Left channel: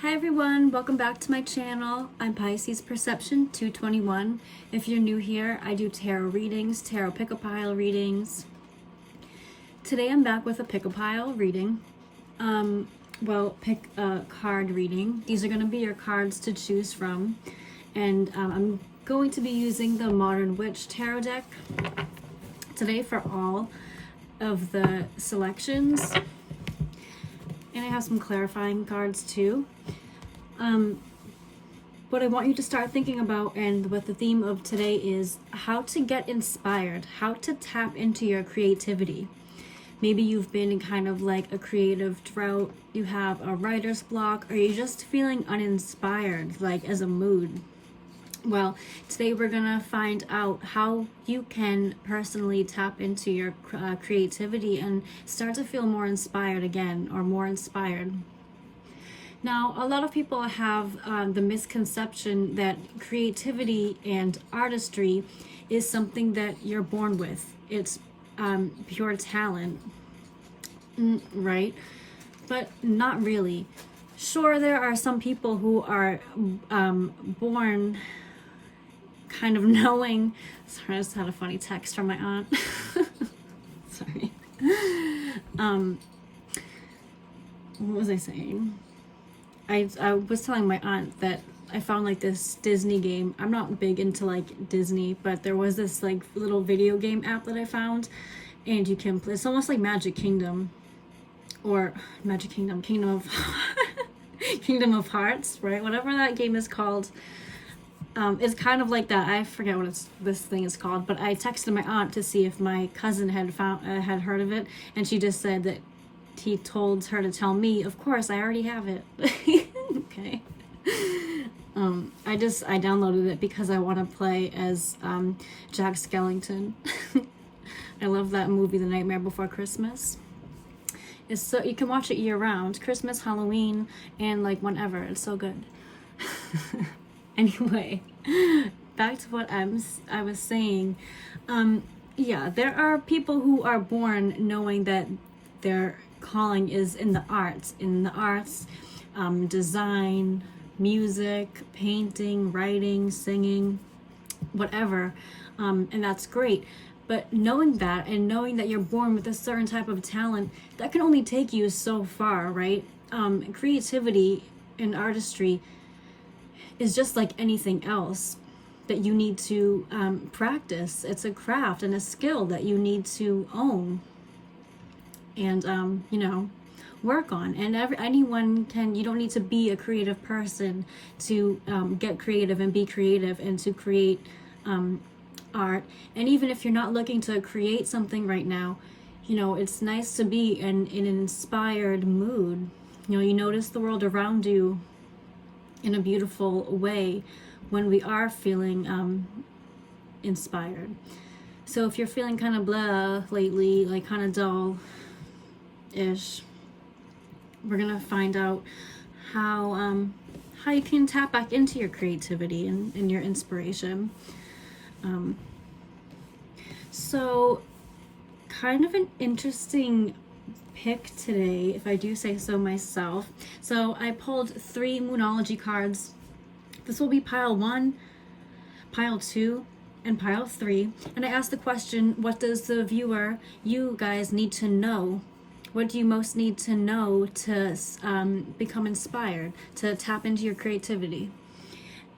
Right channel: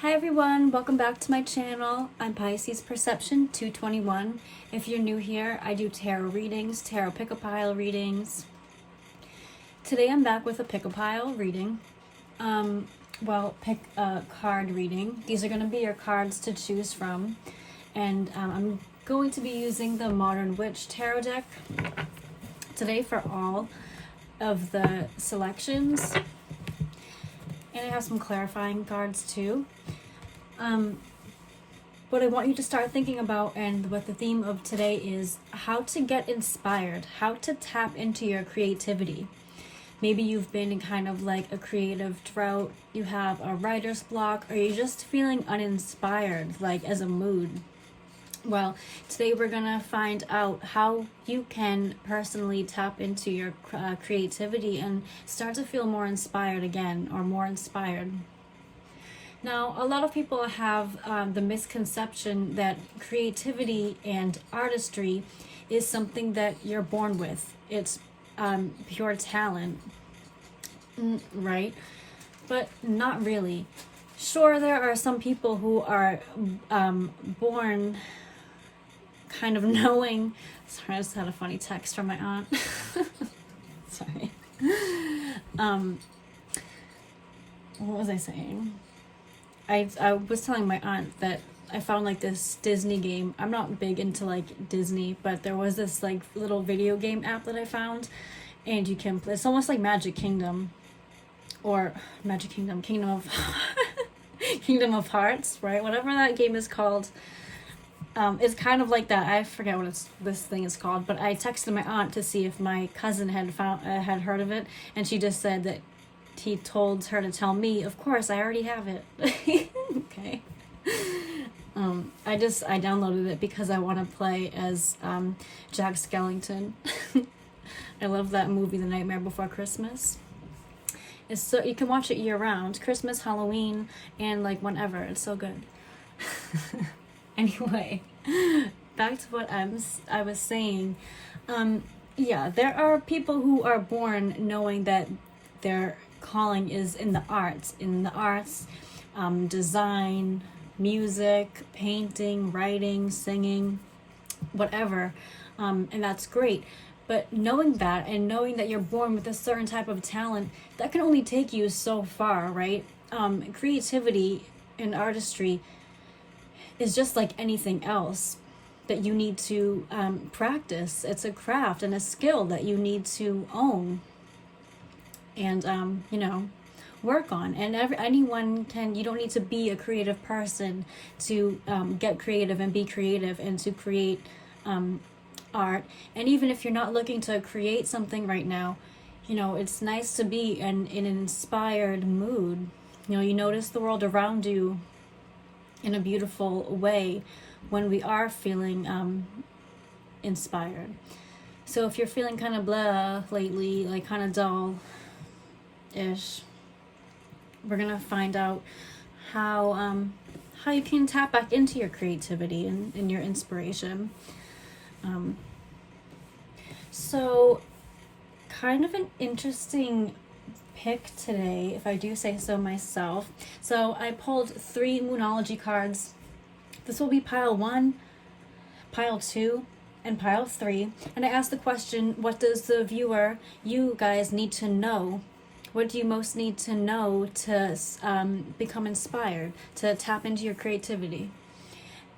Hi everyone, welcome back to my channel. I'm Pisces Perception 221. If you're new here, I do tarot readings, tarot pick-a-pile readings. Today I'm back with a pick-a-pile reading. Pick a card reading. These are going to be your cards to choose from. And I'm going to be using the Modern Witch Tarot deck today for all of the selections. And I have some clarifying cards too. What I want you to start thinking about, and what the theme of today is, how to get inspired, how to tap into your creativity. Maybe you've been in kind of like a creative drought, you have a writer's block, or you're just feeling uninspired, like as a mood. Well, today we're gonna find out how you can personally tap into your creativity and start to feel more inspired again, or more inspired. Now, a lot of people have the misconception that creativity and artistry is something that you're born with. It's pure talent, right? But not really. Sure, there are some people who are born kind of knowing. Sorry, I just had a funny text from my aunt. Sorry. What was I saying? I was telling my aunt that I found like this Disney game. I'm not big into like Disney, but there was this like little video game app that I found, and you can play. It's almost like Magic Kingdom, or Magic Kingdom, Kingdom of Kingdom of Hearts, right? Whatever that game is called. It's kind of like that. I forget what this thing is called, but I texted my aunt to see if my cousin had had heard of it, and she just said that he told her to tell me. Of course, I already have it. Okay. I downloaded it because I want to play as Jack Skellington. I love that movie, The Nightmare Before Christmas. It's so you can watch it year round, Christmas, Halloween, and like whenever. It's so good. Anyway, back to what I was saying. Yeah, there are people who are born knowing that their calling is in the arts, design, music, painting, writing, singing, whatever, and that's great. But knowing that, and knowing that you're born with a certain type of talent, that can only take you so far, right? Creativity and artistry is just like anything else that you need to practice. It's a craft and a skill that you need to own and work on. And anyone can. You don't need to be a creative person to get creative and be creative and to create art. And even if you're not looking to create something right now, it's nice to be in an inspired mood. You notice the world around you in a beautiful way when we are feeling inspired. So if you're feeling kind of blah lately, like kind of dull-ish, we're gonna find out how you can tap back into your creativity and your inspiration. So kind of an interesting pick today, if I do say so myself. So I pulled 3 Moonology cards. This will be pile 1, pile 2, and pile 3. And I asked the question, what does the viewer, you guys, need to know? What do you most need to know to become inspired, to tap into your creativity?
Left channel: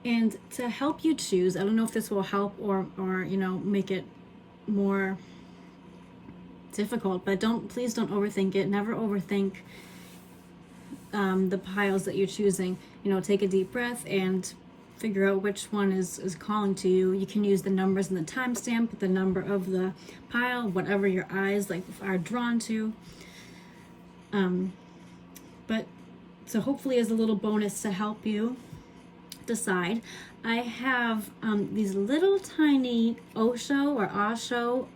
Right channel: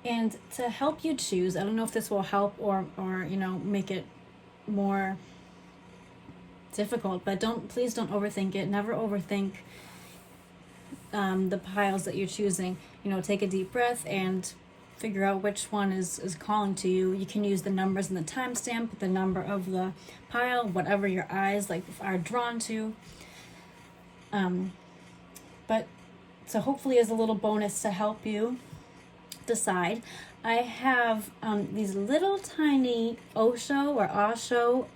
And to help you choose, I don't know if this will help or make it more difficult, but please don't overthink it. Never overthink the piles that you're choosing. Take a deep breath and figure out which one is calling to you. You can use the numbers and the timestamp, the number of the pile, whatever your eyes are drawn to. But so hopefully as a little bonus to help you decide, I have these little tiny Osho or Osho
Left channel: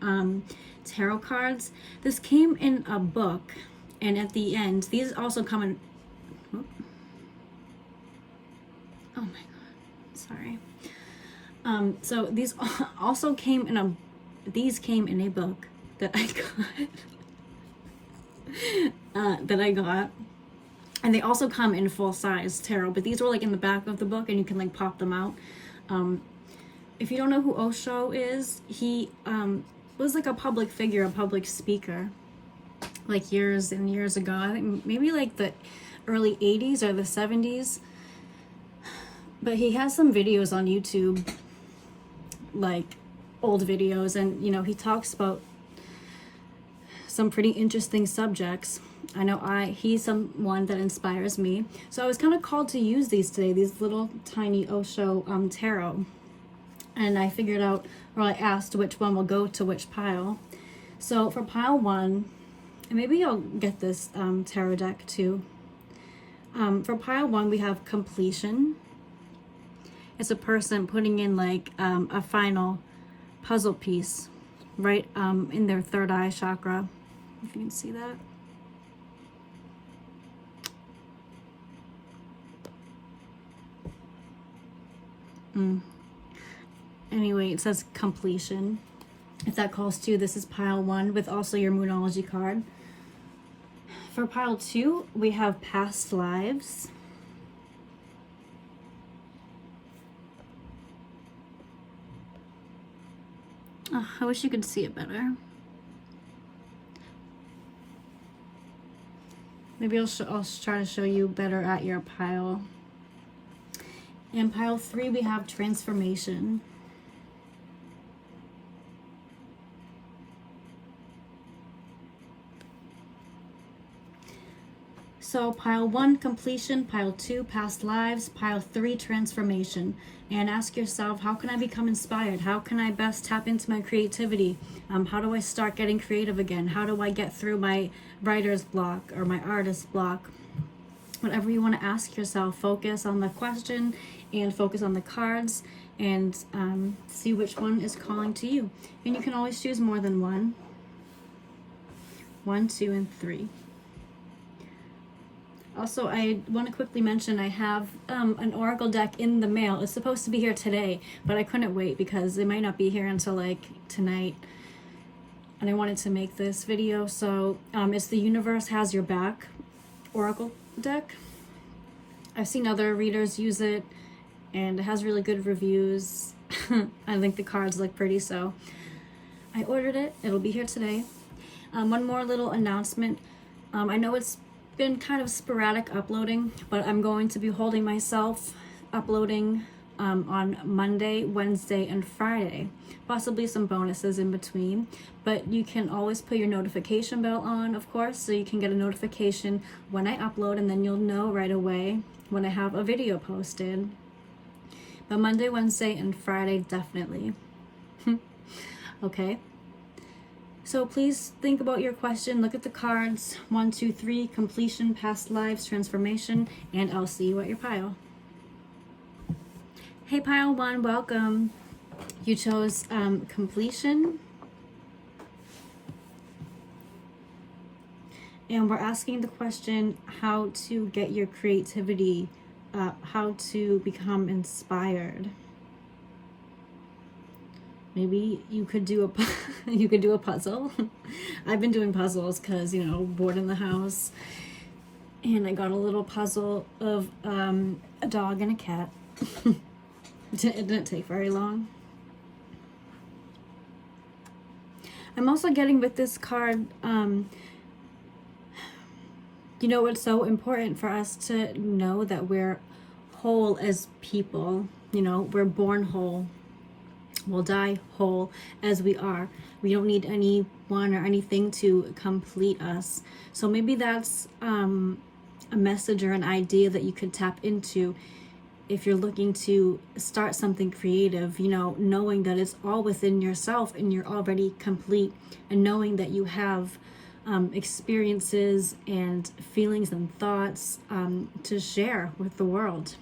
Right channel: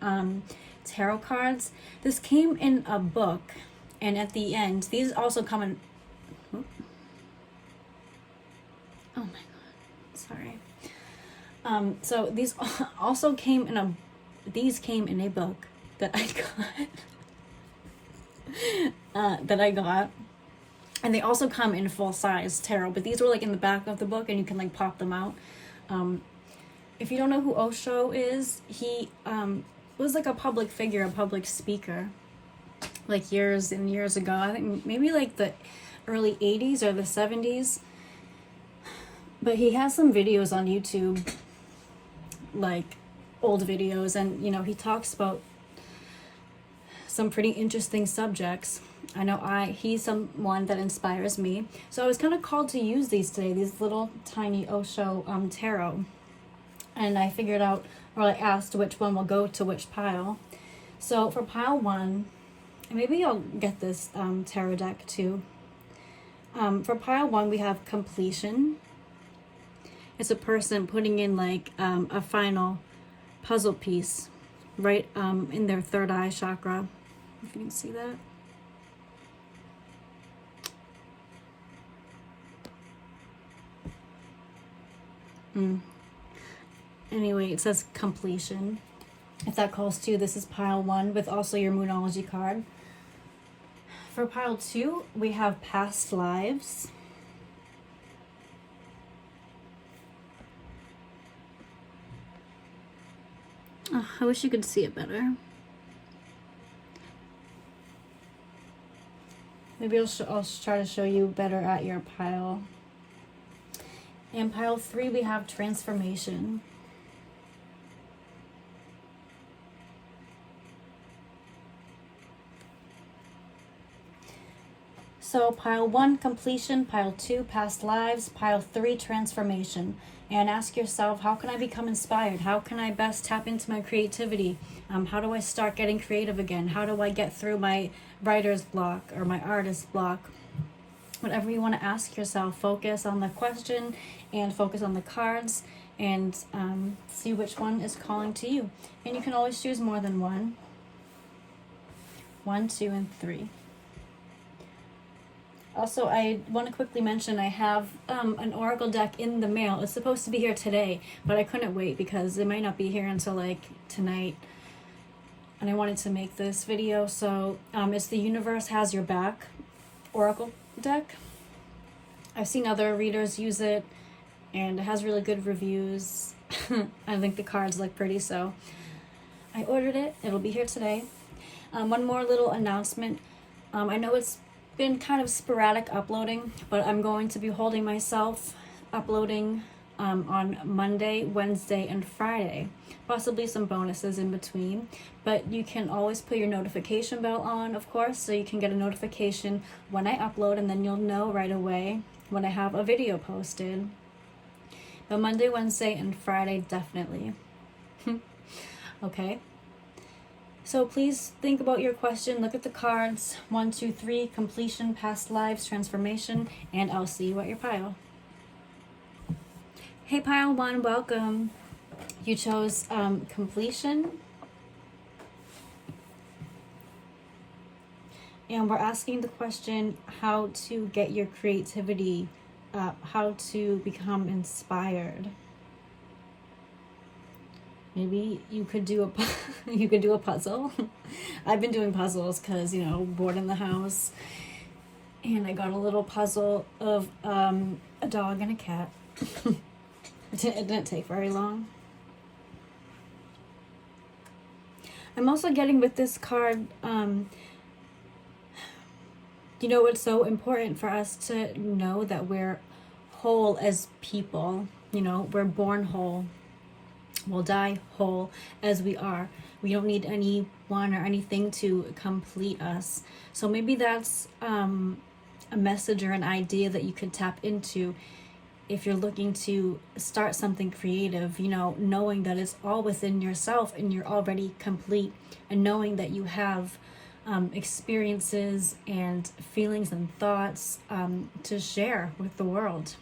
tarot cards. This came in a book, and at the end, these also come in. Oh my god, sorry. So these also came in a. These came in a book that I got. And they also come in full size tarot, but these are like in the back of the book and you can like pop them out. If you don't know who Osho is, he was like a public figure, a public speaker, like years and years ago. I think maybe like the early 80s or the 70s. But he has some videos on YouTube, like old videos, and you know, he talks about some pretty interesting subjects. I know he's someone that inspires me. So I was kind of called to use these today, these little tiny Osho tarot. And I figured out, or I asked which one will go to which pile. So for pile 1, and maybe I'll get this tarot deck too. For pile 1, we have completion. It's a person putting in like a final puzzle piece right in their third eye chakra. If you can see that. Anyway, it says completion. If that calls to, this is pile 1 with also your Moonology card. For pile 2, we have past lives. Oh, I wish you could see it better. Maybe I'll try to show you better at your pile. And pile 3, we have transformation. So pile 1, completion, pile 2, past lives, pile 3, transformation. And ask yourself, how can I become inspired? How can I best tap into my creativity? How do I start getting creative again? How do I get through my writer's block or my artist block? Whatever you want to ask yourself, focus on the question and focus on the cards and see which one is calling to you. And you can always choose more than one. 1, 2, and 3. Also, I want to quickly mention I have an oracle deck in the mail. It's supposed to be here today, but I couldn't wait because it might not be here until like tonight. And I wanted to make this video. So it's the Universe Has Your Back oracle deck. I've seen other readers use it and it has really good reviews. I think the cards look pretty, so I ordered it. It'll be here today. One more little announcement. I know it's been kind of sporadic uploading, but I'm going to be holding myself uploading on Monday, Wednesday, and Friday. Possibly some bonuses in between, but you can always put your notification bell on, of course, so you can get a notification when I upload, and then you'll know right away when I have a video posted. But Monday, Wednesday, and Friday, definitely. Okay. So please think about your question, look at the cards, 1, 2, 3, completion, past lives, transformation, and I'll see you at your pile. Hey pile 1, welcome. You chose completion. And we're asking the question, how to get your creativity up, how to become inspired. Maybe you could do a puzzle. I've been doing puzzles because, you know, bored in the house. And I got a little puzzle of a dog and a cat. It didn't take very long. I'm also getting with this card, you know, it's so important for us to know that we're whole as people. You know, we're born whole. We'll die whole as we are. We don't need anyone or anything to complete us. So maybe that's a message or an idea that you could tap into if you're looking to start something creative, you know, knowing that it's all within yourself and you're already complete, and knowing that you have experiences and feelings and thoughts to share with the world.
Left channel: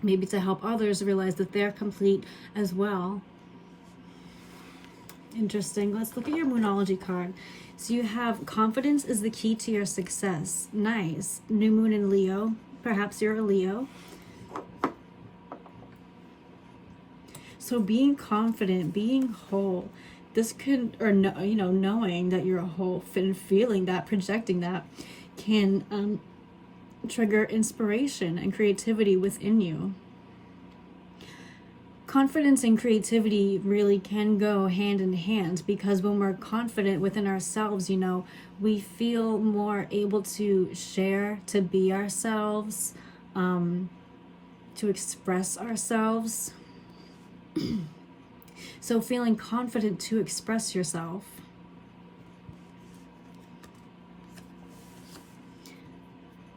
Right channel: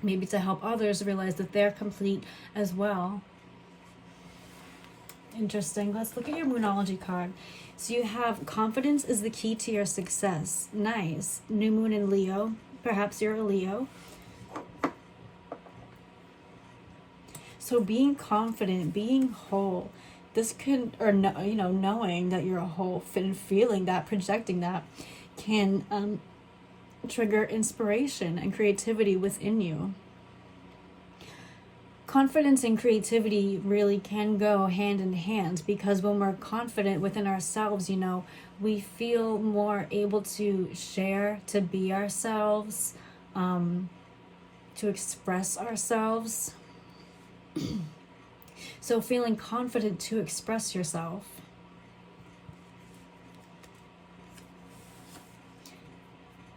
Maybe to help others realize that they're complete as well. Interesting. Let's look at your Moonology card. So you have confidence is the key to your success. Nice. New moon in Leo. Perhaps you're a Leo. So being confident, being whole, this could, or no, you know, knowing that you're a whole and feeling that, projecting that, can trigger inspiration and creativity within you. Confidence and creativity really can go hand in hand, because when we're confident within ourselves, we feel more able to share, to be ourselves, to express ourselves. So feeling confident to express yourself.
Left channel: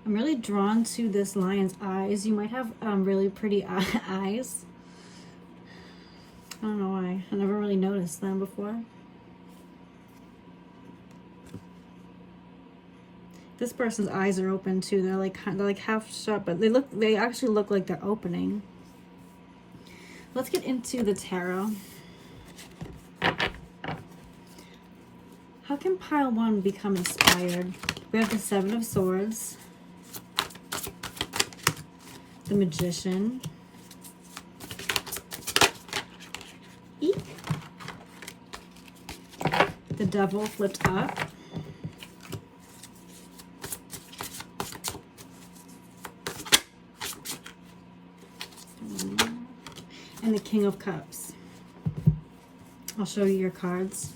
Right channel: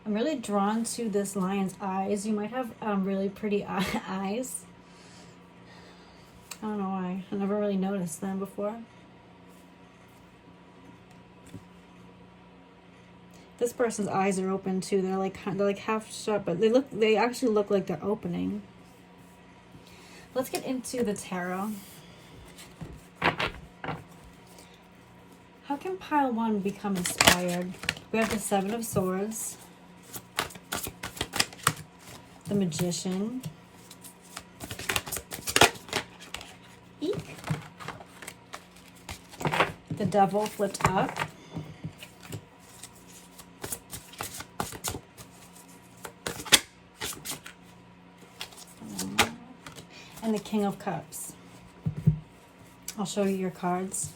I'm really drawn to this lion's eyes. You might have really pretty eyes. I don't know why. I never really noticed them before. This person's eyes are open too. They're like half shut, but they actually look like they're opening. Let's get into the tarot. How can pile 1 become inspired? We have the 7 of Swords, the Magician, the Devil flipped up, and the King of Cups. I'll show you your cards.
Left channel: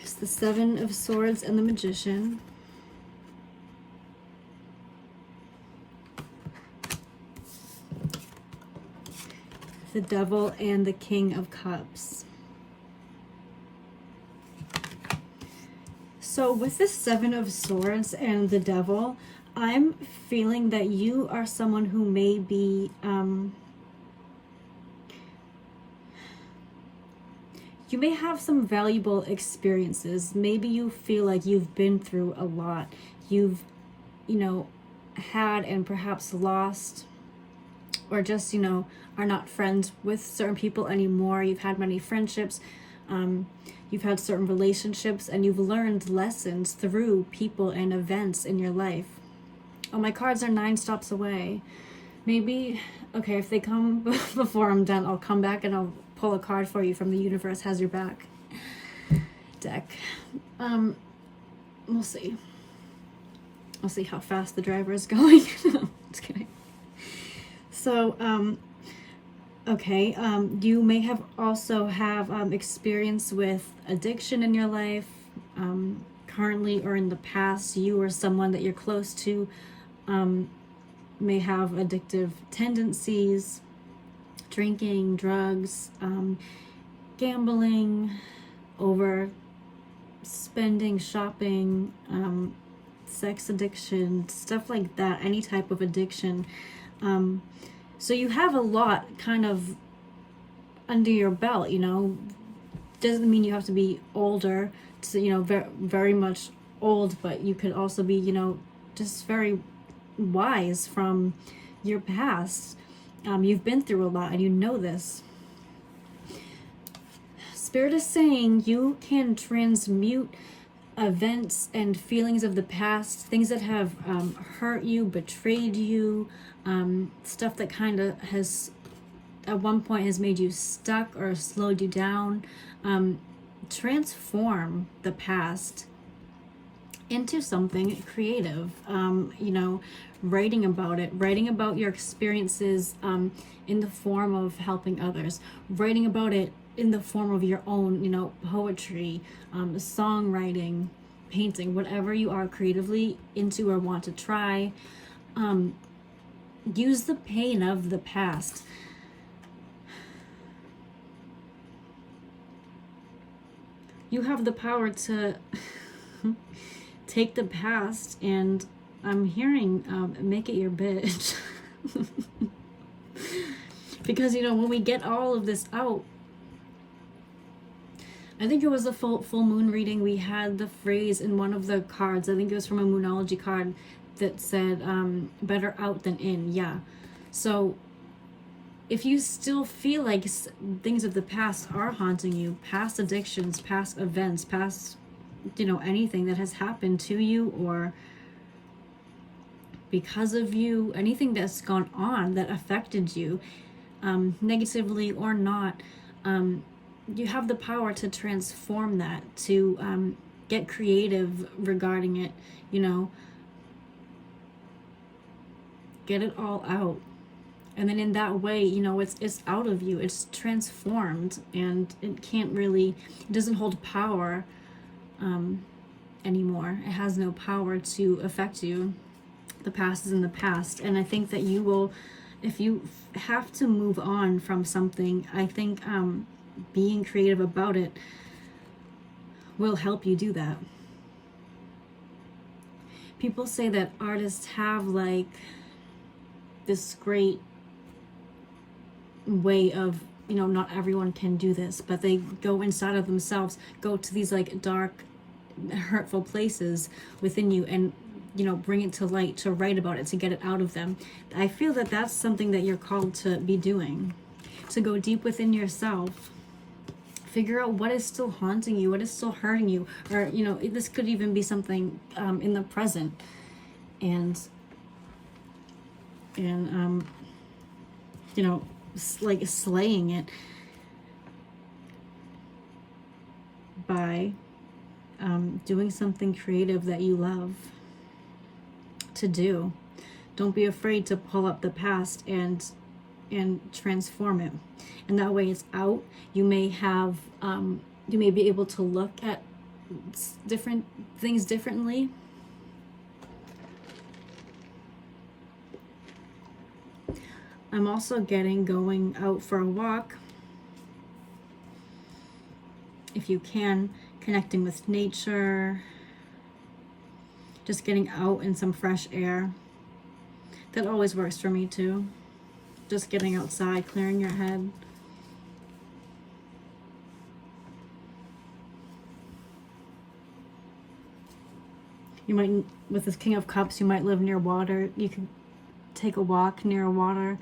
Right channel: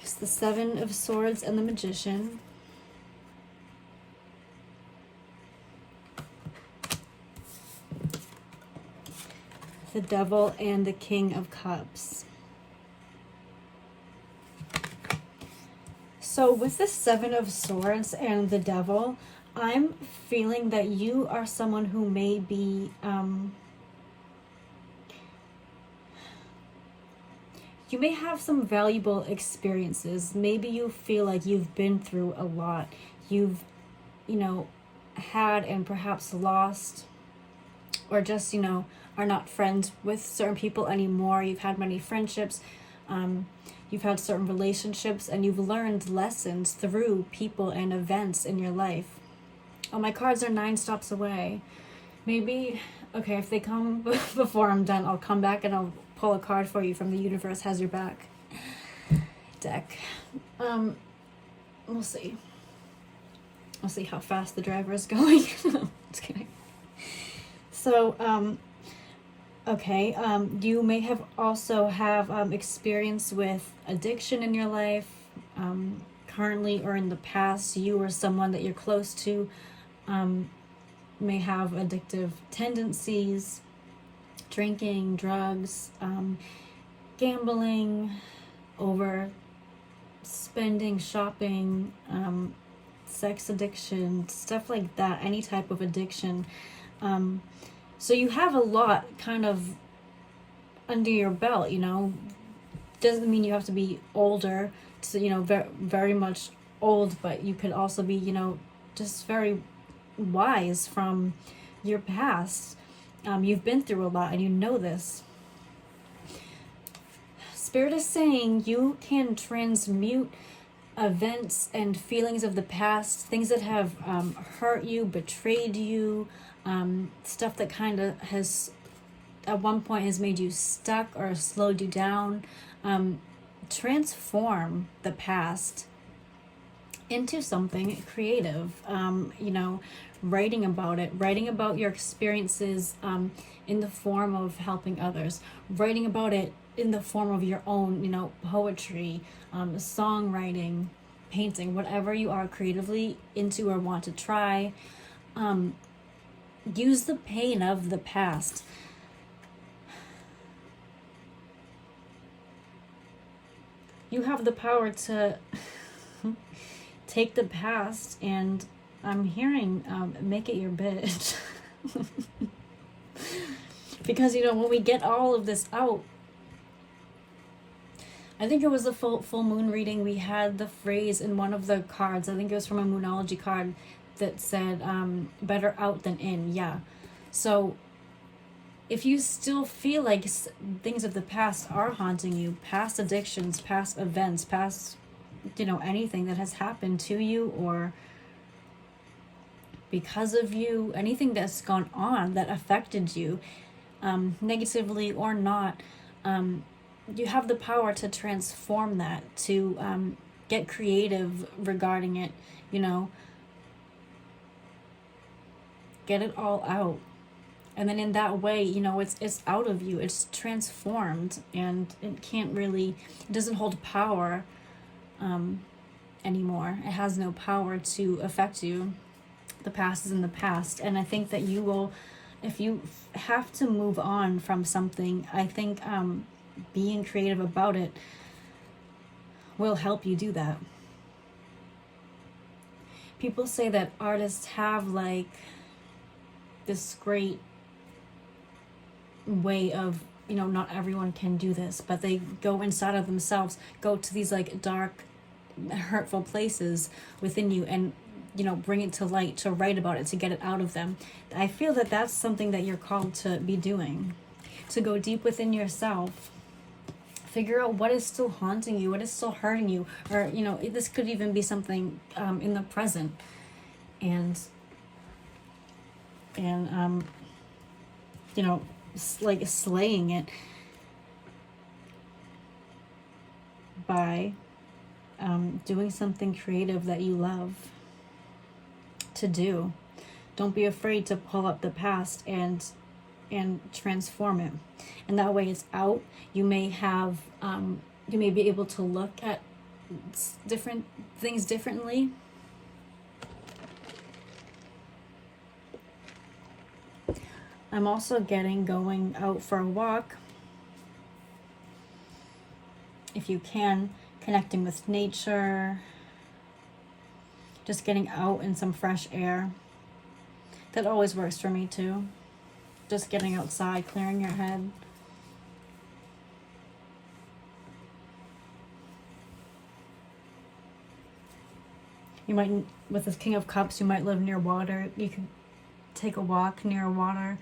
It's the 7 of Swords and the Magician. The Devil and the King of Cups. So with the 7 of Swords and the Devil, I'm feeling that you are someone who may be you may have some valuable experiences. Maybe you feel like you've been through a lot. You've, had and perhaps lost, or just, are not friends with certain people anymore. You've had many friendships. You've had certain relationships, and you've learned lessons through people and events in your life. Oh, my cards are 9 stops away. Maybe, okay, if they come before I'm done, I'll come back and I'll pull a card for you from the Universe Has Your Back deck. We'll see. I'll see how fast the driver is going. Just kidding. So, okay, you may have also have experience with addiction in your life, currently or in the past. You or someone that you're close to may have addictive tendencies, drinking, drugs, gambling, over spending, shopping, sex addiction, stuff like that, any type of addiction. So you have a lot kind of under your belt, Doesn't mean you have to be older, very much old, but you could also be, just very wise from your past. You've been through a lot and you know this. Spirit is saying you can transmute events and feelings of the past, things that have hurt you, betrayed you, stuff that kind of has at one point has made you stuck or slowed you down. Transform the past into something creative. Writing about it, writing about your experiences in the form of helping others, writing about it in the form of your own, poetry, songwriting, painting, whatever you are creatively into or want to try. Use the pain of the past. You have the power to take the past and I'm hearing make it your bitch. Because, when we get all of this out, I think it was a full moon reading, we had the phrase in one of the cards, I think it was from a Moonology card, that said, better out than in. Yeah. So if you still feel like things of the past are haunting you, past addictions, past events, past, anything that has happened to you or because of you, anything that's gone on that affected you, negatively or not, you have the power to transform that, to get creative regarding it, Get it all out. And then in that way, you know, it's out of you. It's transformed, and it doesn't hold power anymore. It has no power to affect you. The past is in the past. And I think that you will, if you have to move on from something, I think being creative about it will help you do that. People say that artists have like this great way of, you know, not everyone can do this, but they go inside of themselves, go to these like dark, hurtful places within you, and, you know, bring it to light, to write about it, to get it out of them. I feel that that's something that you're called to be doing, to go deep within yourself, figure out what is still haunting you, what is still hurting you, or, you know, this could even be something in the present, and you know, like slaying it by doing something creative that you love to do. Don't be afraid to pull up the past and transform it, and that way it's out. You may have you may be able to look at different things differently. I'm also getting going out for a walk, if you can, connecting with nature, just getting out in some fresh air. That always works for me too. Just getting outside, clearing your head. You might, with this King of Cups, you might live near water. You could take a walk near water.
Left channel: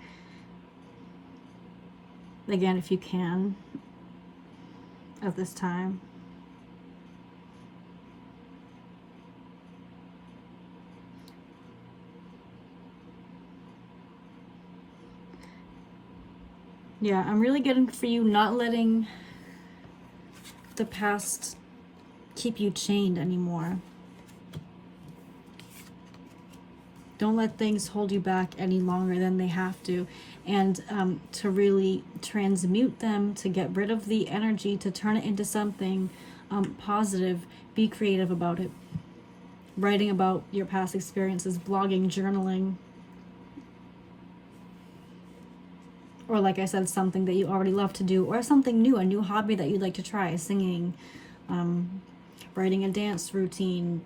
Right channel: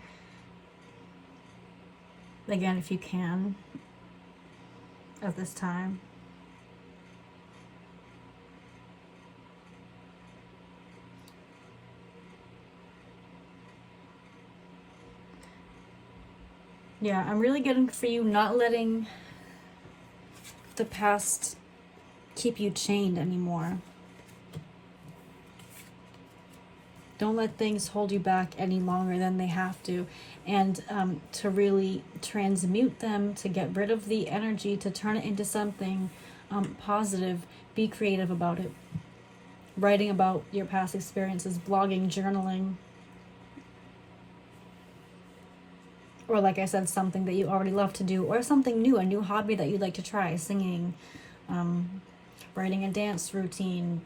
Again, if you can, at this time. Yeah, I'm really getting for you not letting the past keep you chained anymore. Don't let things hold you back any longer than they have to. And to really transmute them, to get rid of the energy, to turn it into something positive. Be creative about it. Writing about your past experiences, blogging, journaling. Or like I said, something that you already love to do, or something new, a new hobby that you'd like to try, singing, writing a dance routine,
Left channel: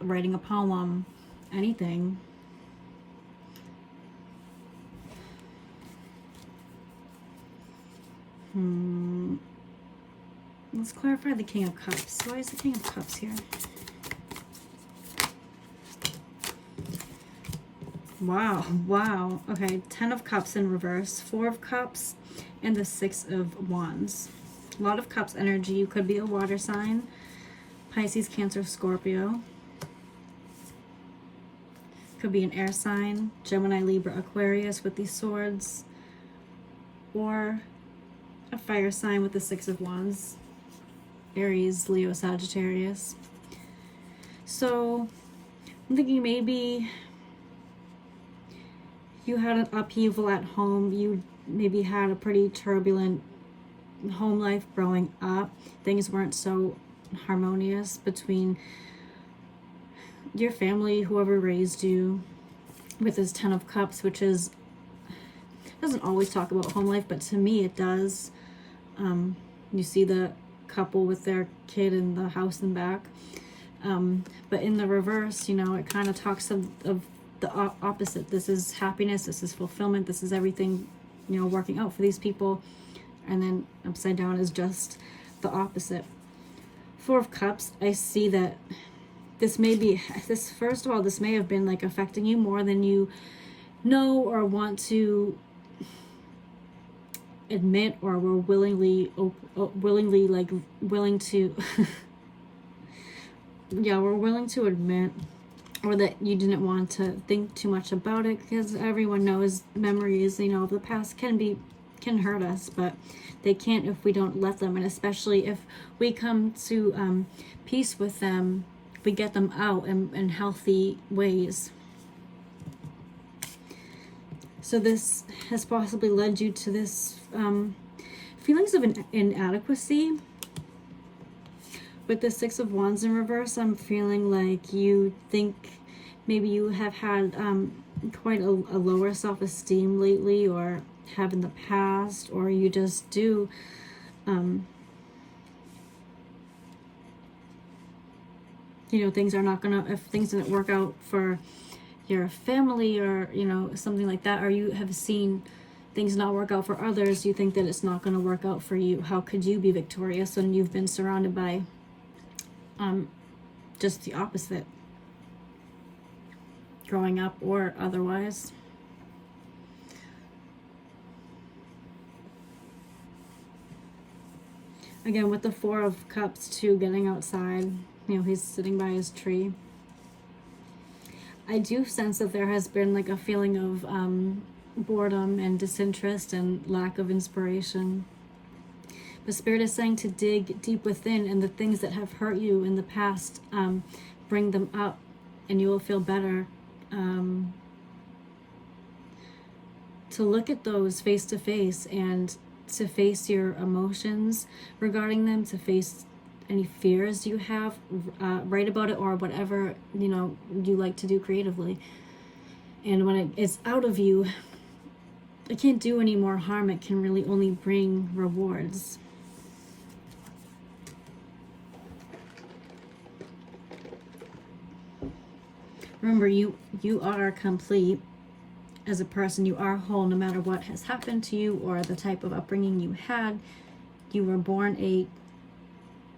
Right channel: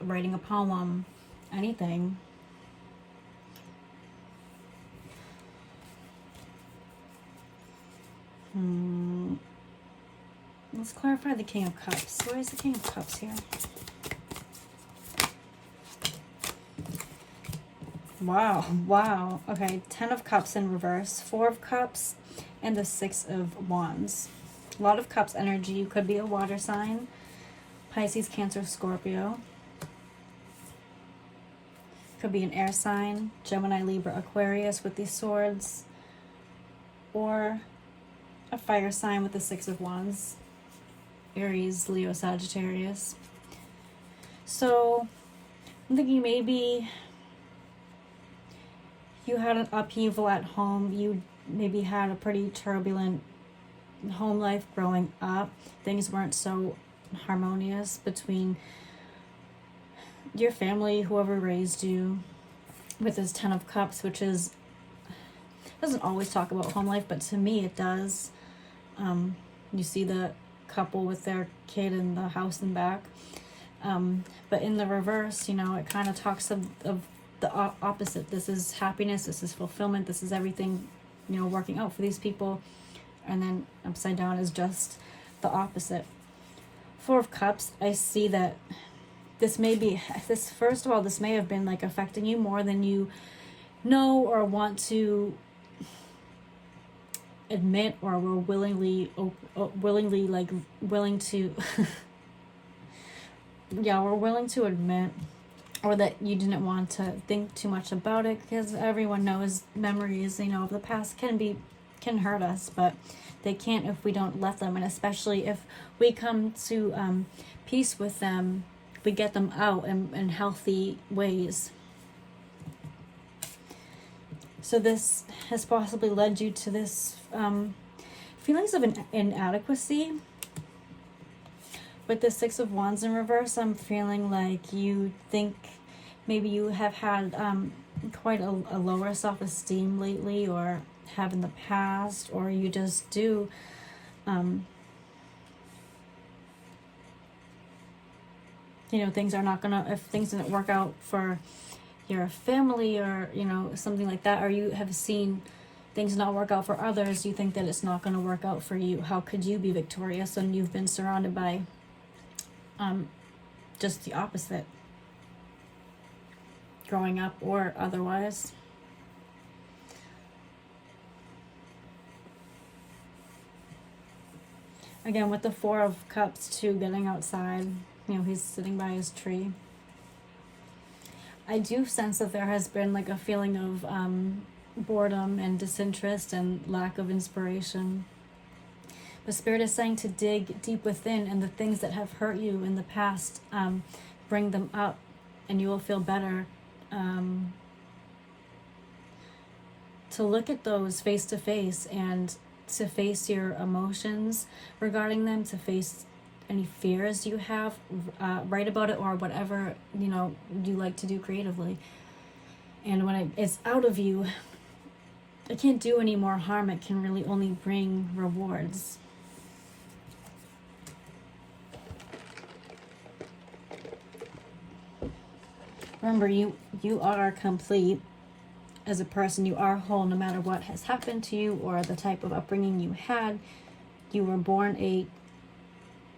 writing a poem, anything. Let's clarify the King of Cups. Why is the King of Cups here? Wow. Okay, 10 of Cups in reverse, 4 of Cups, and the 6 of Wands. A lot of Cups energy. You could be a water sign. Pisces, Cancer, Scorpio. Could be an air sign. Gemini, Libra, Aquarius with these swords. Or a fire sign with the 6 of Wands. Aries, Leo, Sagittarius. So I'm thinking maybe you had an upheaval at home. You maybe had a pretty turbulent home life growing up. Things weren't so harmonious between your family, whoever raised you, with this 10 of Cups, which is, doesn't always talk about home life, but to me it does. You see the couple with their kid in the house in back. But in the reverse, you know, it kind of talks of the opposite. This is happiness, this is fulfillment, this is everything, you know, working out for these people. And then upside down is just the opposite. 4 of Cups, I see that this may be, first of all, this may have been like affecting you more than you know or want to admit, or were willingly willing to yeah, we're willing to admit, or that you didn't want to think too much about it, because everyone knows memories, you know, of the past can hurt us, but they can't if we don't let them. And especially if we come to peace with them, we get them out in healthy ways. So this has possibly led you to this feelings of inadequacy. With the Six of Wands in reverse, I'm feeling like you think maybe you have had quite a lower self-esteem lately, or have in the past, or you just do. You know, things are not gonna, if things didn't work out for your family, or, you know, something like that, or you have seen things not work out for others, you think that it's not going to work out for you. How could you be victorious when you've been surrounded by just the opposite, growing up or otherwise? Again, with the Four of Cups too, getting outside, you know, he's sitting by his tree. I do sense that there has been like a feeling of boredom and disinterest and lack of inspiration. But Spirit is saying to dig deep within, and the things that have hurt you in the past, bring them up and you will feel better. To look at those face to face, and to face your emotions regarding them, to face any fears you have, write about it, or whatever, you know, you like to do creatively. And when it's out of you, it can't do any more harm. It can really only bring rewards. Remember, you are complete as a person. You are whole no matter what has happened to you or the type of upbringing you had. You were born a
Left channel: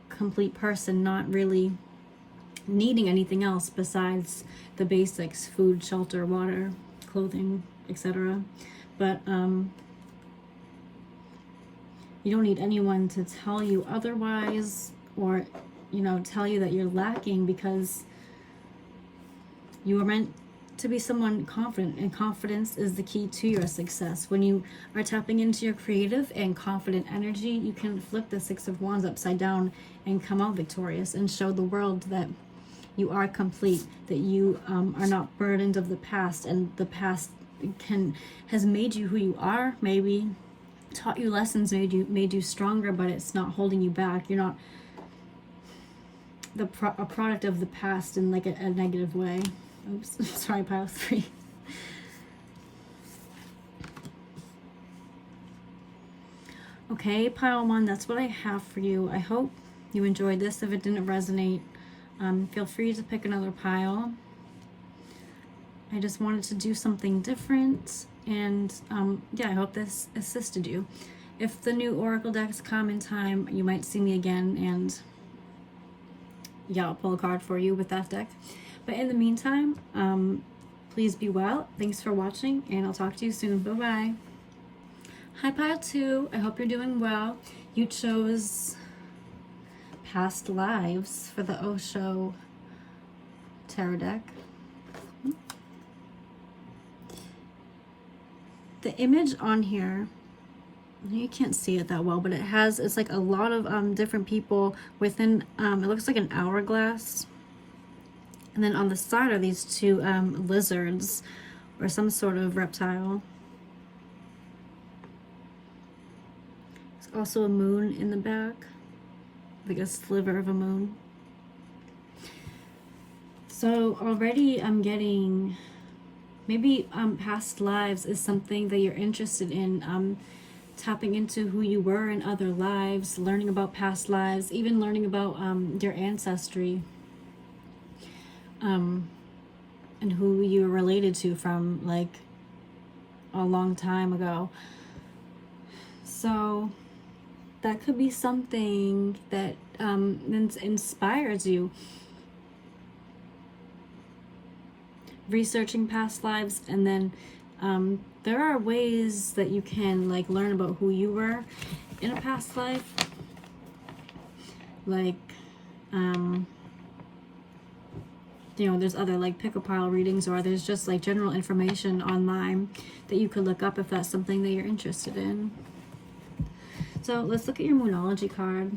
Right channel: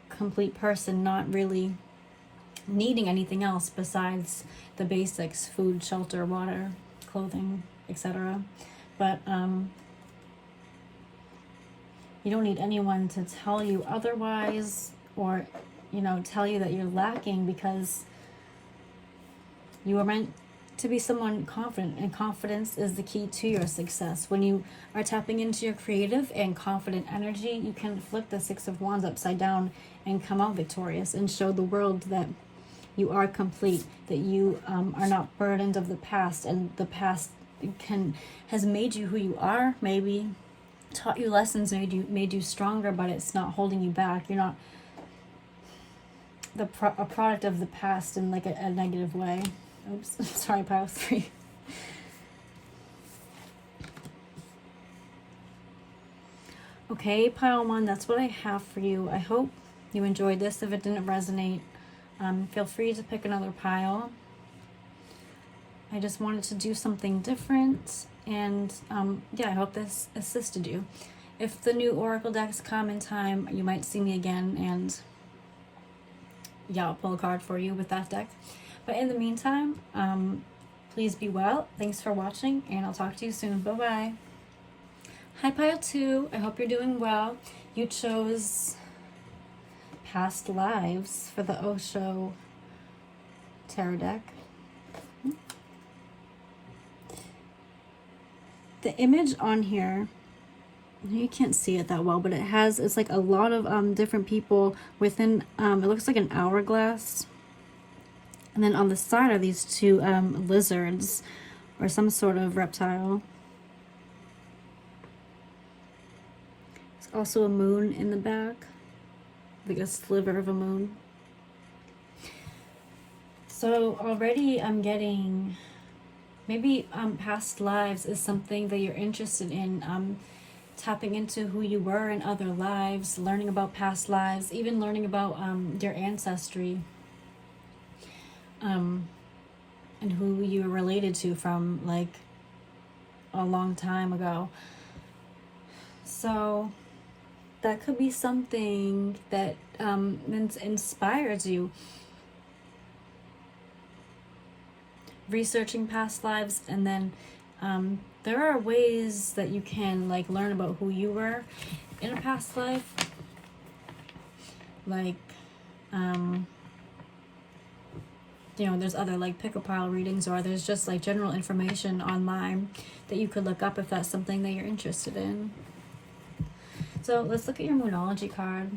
complete person, not really needing anything else besides the basics: food, shelter, water, clothing, etc. But you don't need anyone to tell you otherwise, or, you know, tell you that you're lacking, because you are meant to be someone confident, and confidence is the key to your success. When you are tapping into your creative and confident energy, you can flip the Six of Wands upside down and come out victorious, and show the world that you are complete, that you are not burdened of the past, and the past has made you who you are, maybe taught you lessons, made you stronger, but it's not holding you back. You're not a product of the past in like a negative way. Oops, sorry, pile 3. Okay, pile 1, that's what I have for you. I hope you enjoyed this. If it didn't resonate, feel free to pick another pile. I just wanted to do something different, and yeah, I hope this assisted you. If the new Oracle decks come in time, you might see me again, and yeah, I'll pull a card for you with that deck. But in the meantime, please be well. Thanks for watching, and I'll talk to you soon. Bye-bye. Hi, pile 2. I hope you're doing well. You chose Past Lives for the Osho Tarot deck. The image on here, you can't see it that well, but it's like a lot of different people within, it looks like an hourglass. And then on the side are these two lizards, or some sort of reptile. There's also a moon in the back, like a sliver of a moon. So already I'm getting, maybe past lives is something that you're interested in, tapping into who you were in other lives, learning about past lives, even learning about your ancestry, and who you're related to from like a long time ago. So that could be something that inspires you. Researching past lives, and then there are ways that you can like learn about who you were in a past life, like you know, there's other like pick-a-pile readings, or there's just like general information online that you could look up if that's something that you're interested in. So let's look at your Moonology card.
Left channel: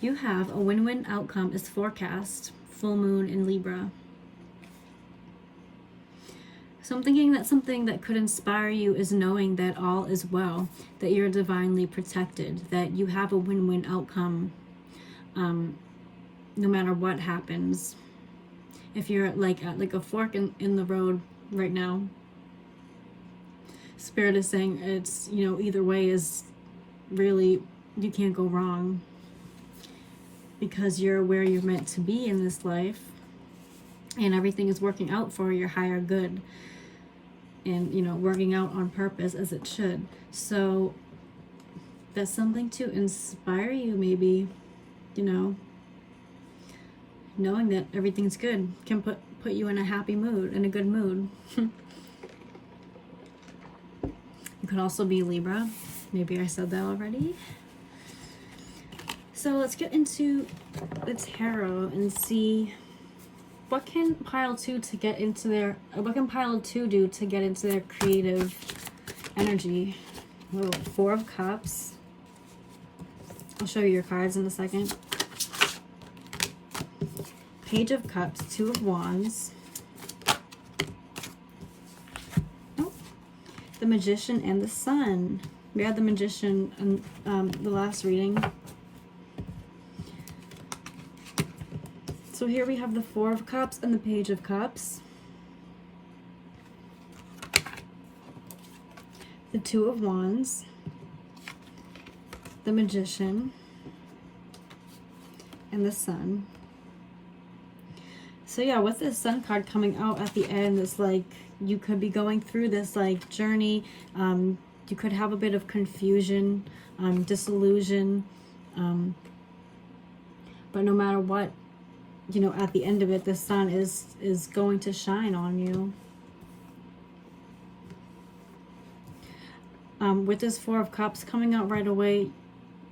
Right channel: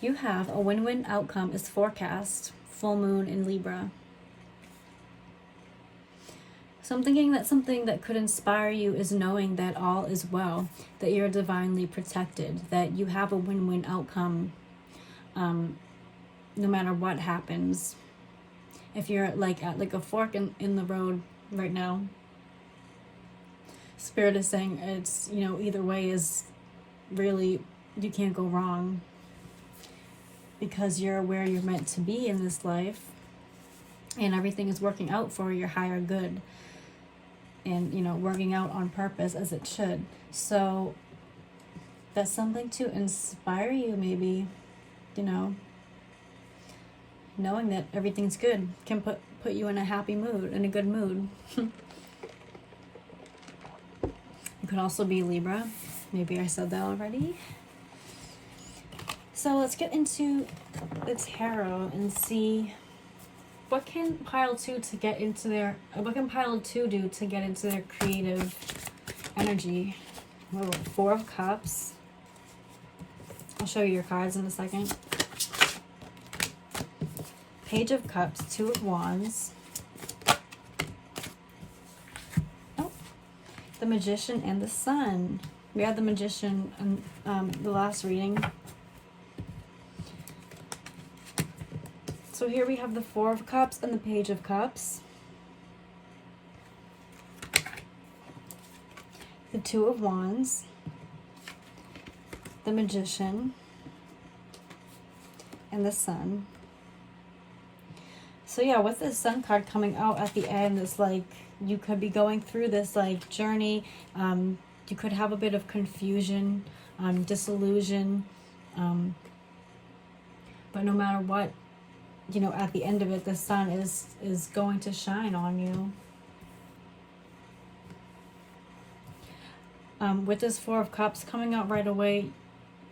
You have a win-win outcome is forecast, full moon in Libra. So I'm thinking that something that could inspire you is knowing that all is well, that you're divinely protected, that you have a win-win outcome, no matter what happens. If you're like at like a fork in the road right now, Spirit is saying it's, you know, either way is really, you can't go wrong, because you're where you're meant to be in this life, and everything is working out for your higher good, and, you know, working out on purpose as it should. So that's something to inspire you, maybe, you know, knowing that everything's good can put you in a happy mood, in a good mood. You could also be Libra. Maybe I said that already. So let's get into the tarot and see what can pile two to get into their, what can pile two do to get into their creative energy. Oh, Four of Cups. I'll show you your cards in a second. Page of Cups, Two of Wands. Oh, the Magician and the Sun. We had the Magician in the last reading. So here we have the Four of Cups and the Page of Cups. The Two of Wands. The Magician. And the Sun. So yeah, with this Sun card coming out at the end, it's like you could be going through this like journey. You could have a bit of confusion, disillusion. But no matter what, you know, at the end of it, the sun is going to shine on you. With this Four of Cups coming out right away,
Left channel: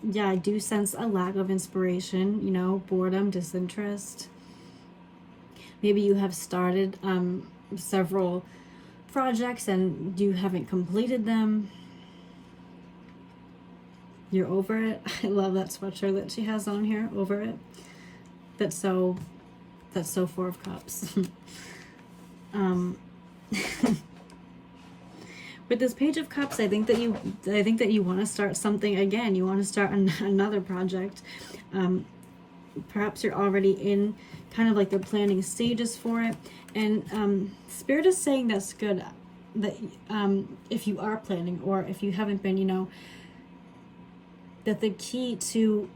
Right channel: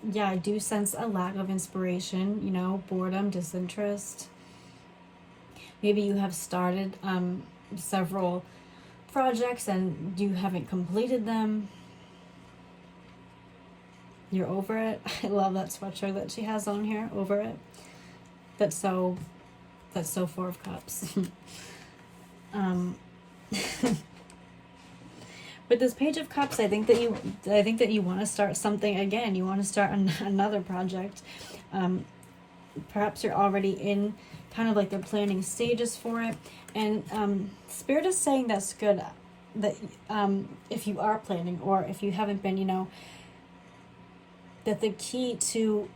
yeah, I do sense a lack of inspiration, you know, boredom, disinterest. Maybe you have started several projects and you haven't completed them. You're over it. I love that sweatshirt that she has on here, over it. That's so Four of Cups. With this Page of Cups, I think that you want to start something again. You want to start another project. Perhaps you're already in kind of like the planning stages for it, and Spirit is saying that's good. That if you are planning, or if you haven't been, you know, that the key to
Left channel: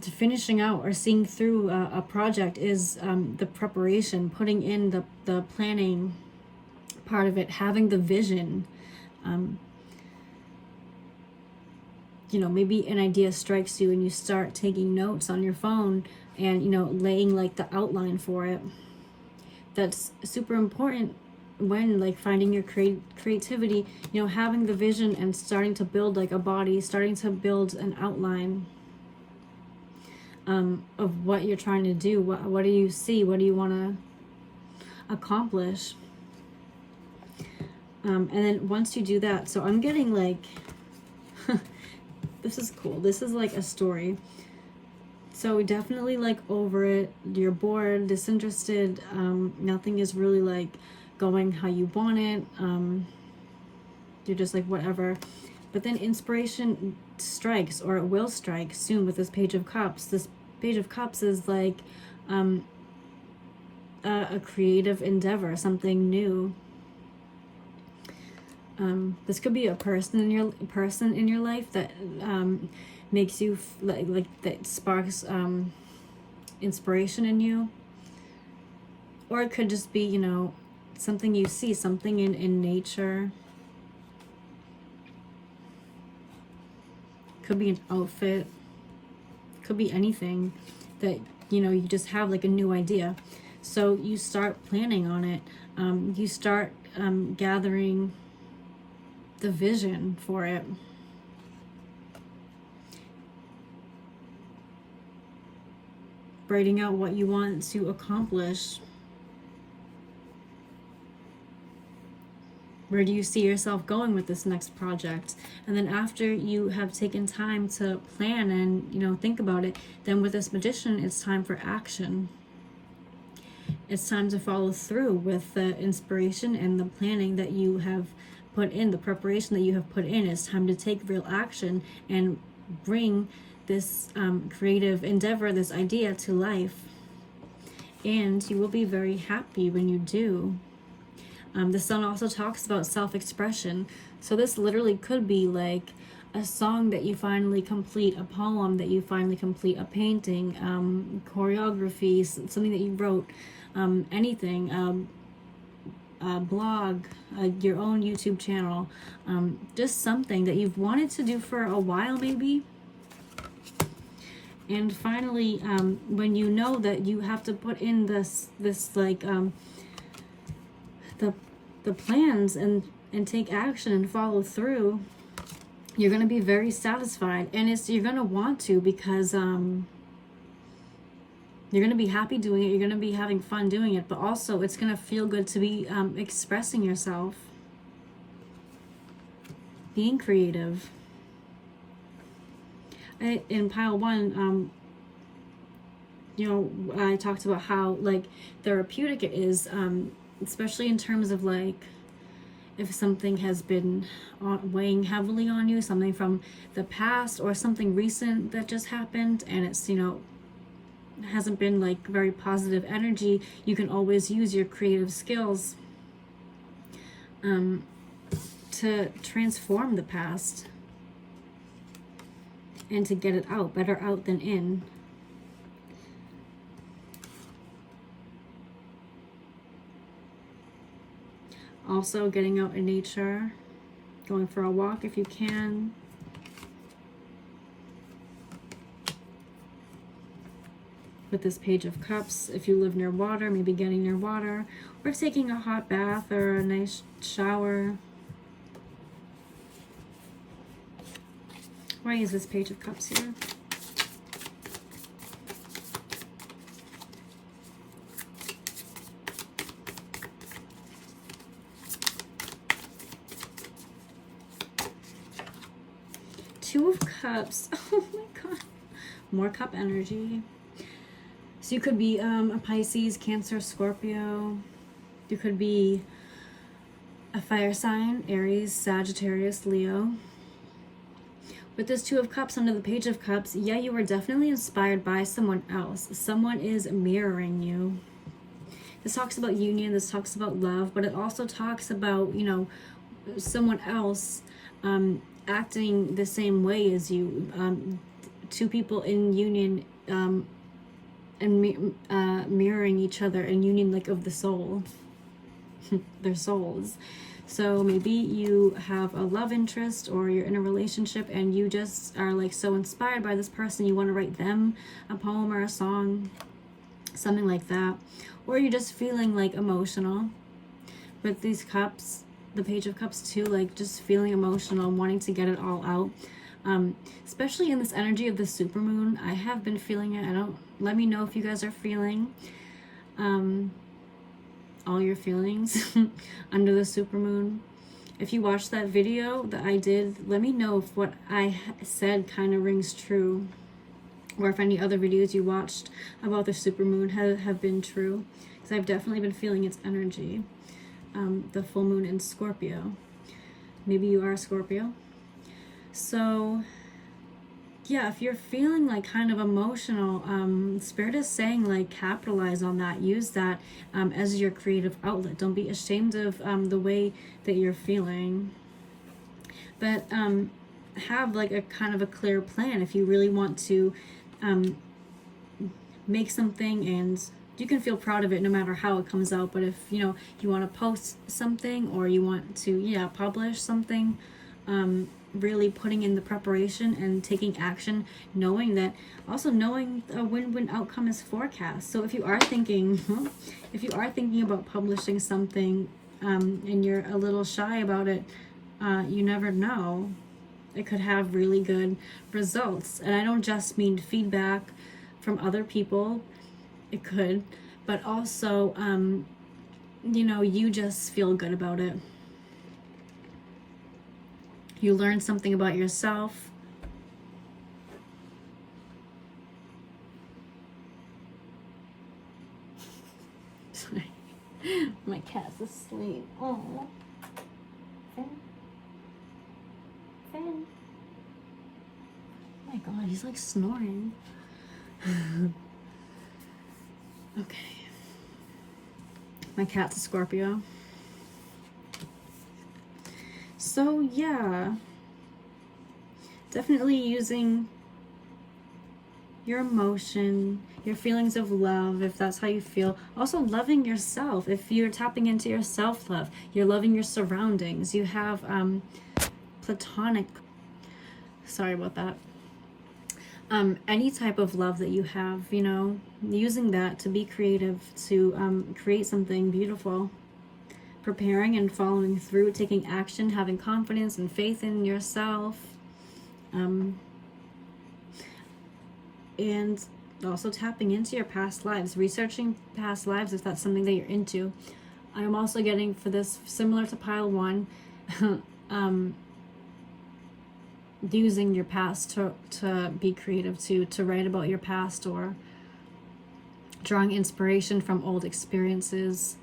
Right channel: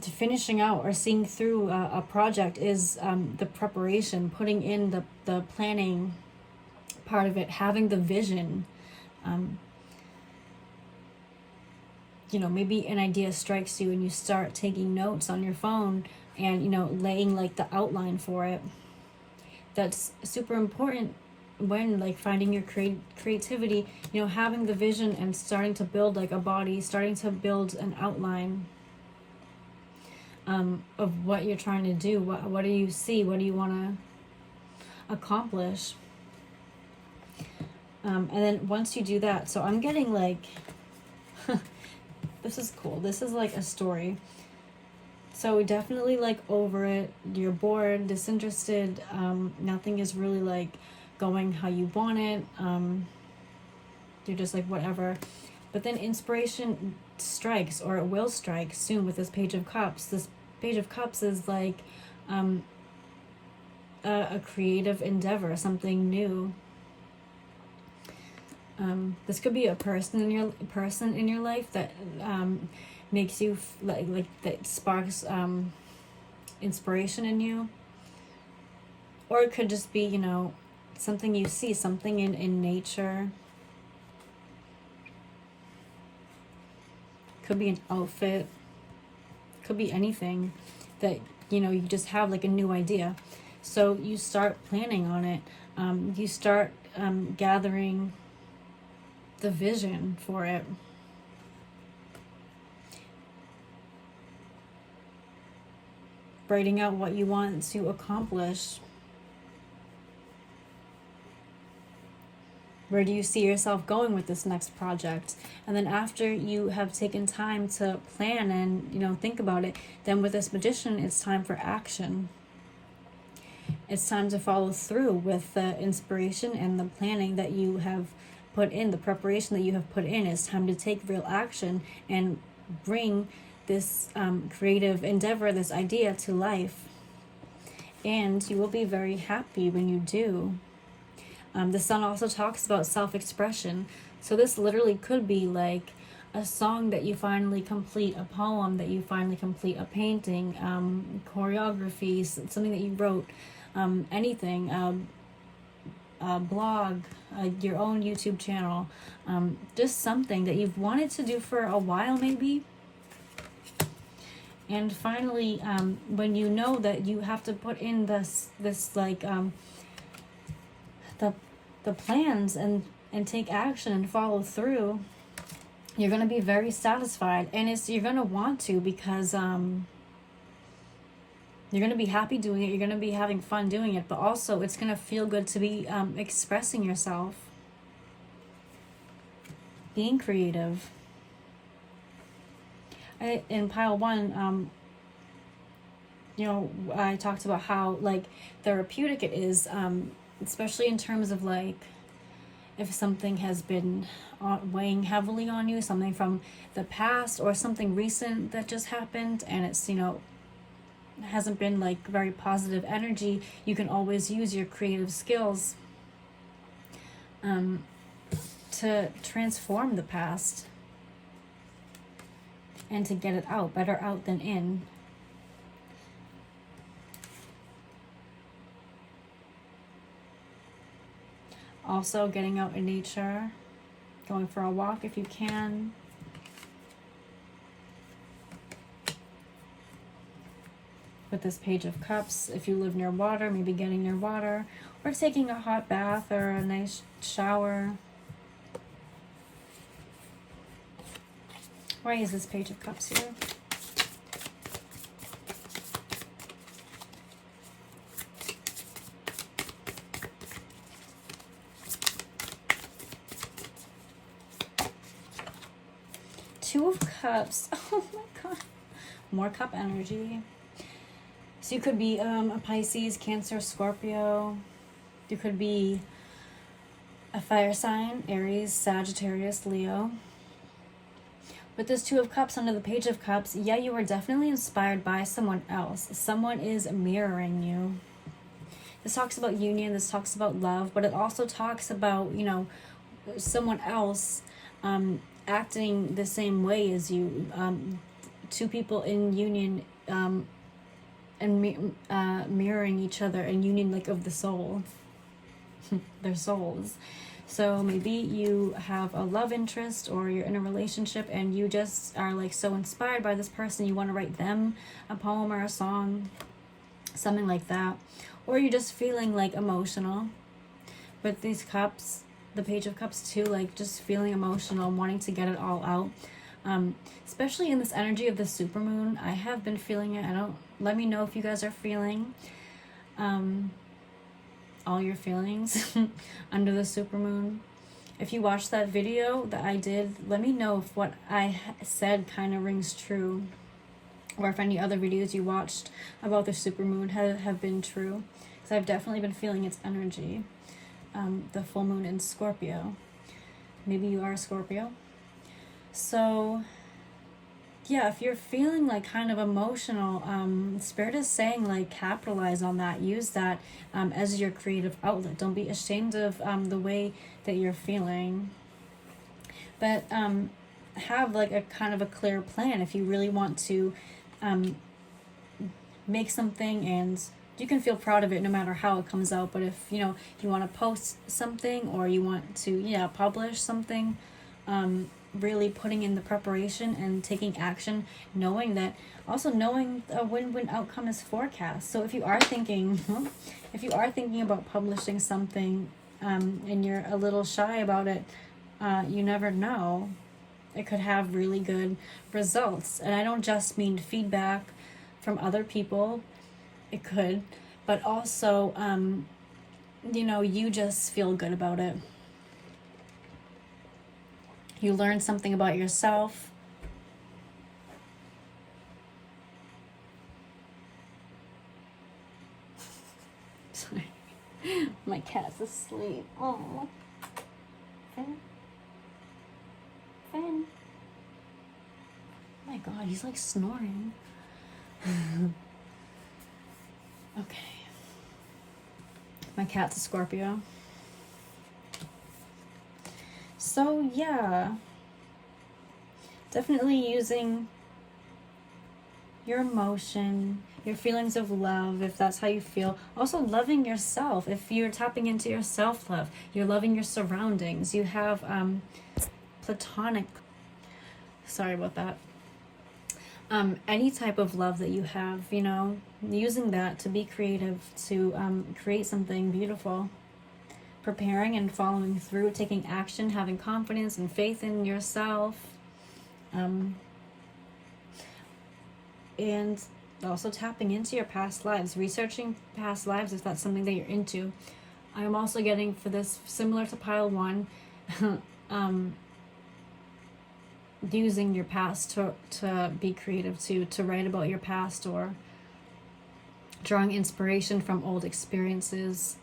finishing out or seeing through a project is the preparation, putting in the planning part of it, having the vision. You know, maybe an idea strikes you and you start taking notes on your phone and, you know, laying like the outline for it. That's super important when like finding your creativity, you know, having the vision and starting to build like a body, starting to build an outline of what you're trying to do. What do you see? What do you want to accomplish? And then once you do that, so I'm getting like, this is cool. This is like a story. So definitely like over it. You're bored, disinterested. Nothing is really like going how you want it. You're just like whatever. But then inspiration strikes, or it will strike soon with this Page of Cups. This Page of Cups is like a creative endeavor, something new. This could be a person in your life that makes you like that sparks inspiration in you, or it could just be, you know, something you see, something in nature. Could be an outfit, could be anything that, you know, you just have like a new idea. So you start planning on it. You start gathering the vision for it. Writing out what you want to accomplish. Where do you see yourself going with this next project? And then after you have taken time to plan and, you know, think about it, then with this Magician, it's time for action. it's time to follow through with the inspiration and the planning that you have put in, the preparation that you have put in. It's time to take real action and bring this creative endeavor, this idea to life. And you will be very happy when you do. The sun also talks about self-expression. So this literally could be like a song that you finally complete, a poem that you finally complete, a painting, choreography, something that you wrote, anything, a blog, your own YouTube channel, just something that you've wanted to do for a while maybe. And finally, when you know that you have to put in this like the plans and take action and follow through, you're going to be very satisfied, and you're going to want to, because you're going to be happy doing it, you're going to be having fun doing it, but also it's going to feel good to be expressing yourself, being creative. In pile 1, you know, I talked about how like therapeutic it is, especially in terms of like if something has been weighing heavily on you, something from the past or something recent that just happened, and it's, you know, hasn't been like very positive energy, you can always use your creative skills to transform the past and to get it out. Better out than in. Also, getting out in nature, going for a walk if you can. With this Page of Cups, if you live near water, maybe getting near water, or taking a hot bath or a nice shower. Why is this Page of Cups here? Two of Cups. Oh my god. More cup energy. So you could be a Pisces, Cancer, Scorpio. You could be a fire sign, Aries, Sagittarius, Leo. With this Two of Cups under the Page of Cups, yeah, you are definitely inspired by someone else. Someone is mirroring you. This talks about union, this talks about love, but it also talks about, you know, someone else acting the same way as you. Two people in union and mirroring each other, and union like of the soul, their souls. So maybe you have a love interest, or you're in a relationship and you just are like so inspired by this person, you want to write them a poem or a song, something like that. Or you're just feeling like emotional with these cups, the Page of Cups too, like just feeling emotional, wanting to get it all out. Especially in this energy of the supermoon, I have been feeling it. Let me know if you guys are feeling all your feelings under the supermoon. If you watched that video that I did, let me know if what I said kind of rings true, or if any other videos you watched about the supermoon have been true, because I've definitely been feeling its energy. The full moon in Scorpio. Maybe you are a Scorpio. So yeah, if you're feeling like kind of emotional, Spirit is saying like capitalize on that, use that as your creative outlet. Don't be ashamed of the way that you're feeling, but have like a kind of a clear plan if you really want to make something, and you can feel proud of it no matter how it comes out. But if you want to post something, or you want to publish something, really putting in the preparation and taking action, knowing that, also knowing a win-win outcome is forecast. So if you are thinking about publishing something and you're a little shy about it, you never know, it could have really good results. And I don't just mean feedback from other people, it could, but also you just feel good about it. You learn something about yourself. My cat's asleep. Oh. Finn. Finn. Oh my god, he's like snoring. Okay. My cat's a Scorpio. So yeah, definitely using your emotion, your feelings of love, if that's how you feel. Also loving yourself. If you're tapping into your self-love, you're loving your surroundings. You have platonic, sorry about that. Any type of love that you have, you know, using that to be creative, to create something beautiful. Preparing and following through, taking action, having confidence and faith in yourself. And also tapping into your past lives, researching past lives if that's something that you're into. I'm also getting for this, similar to pile 1, using your past to be creative, to write about your past, or drawing inspiration from old experiences.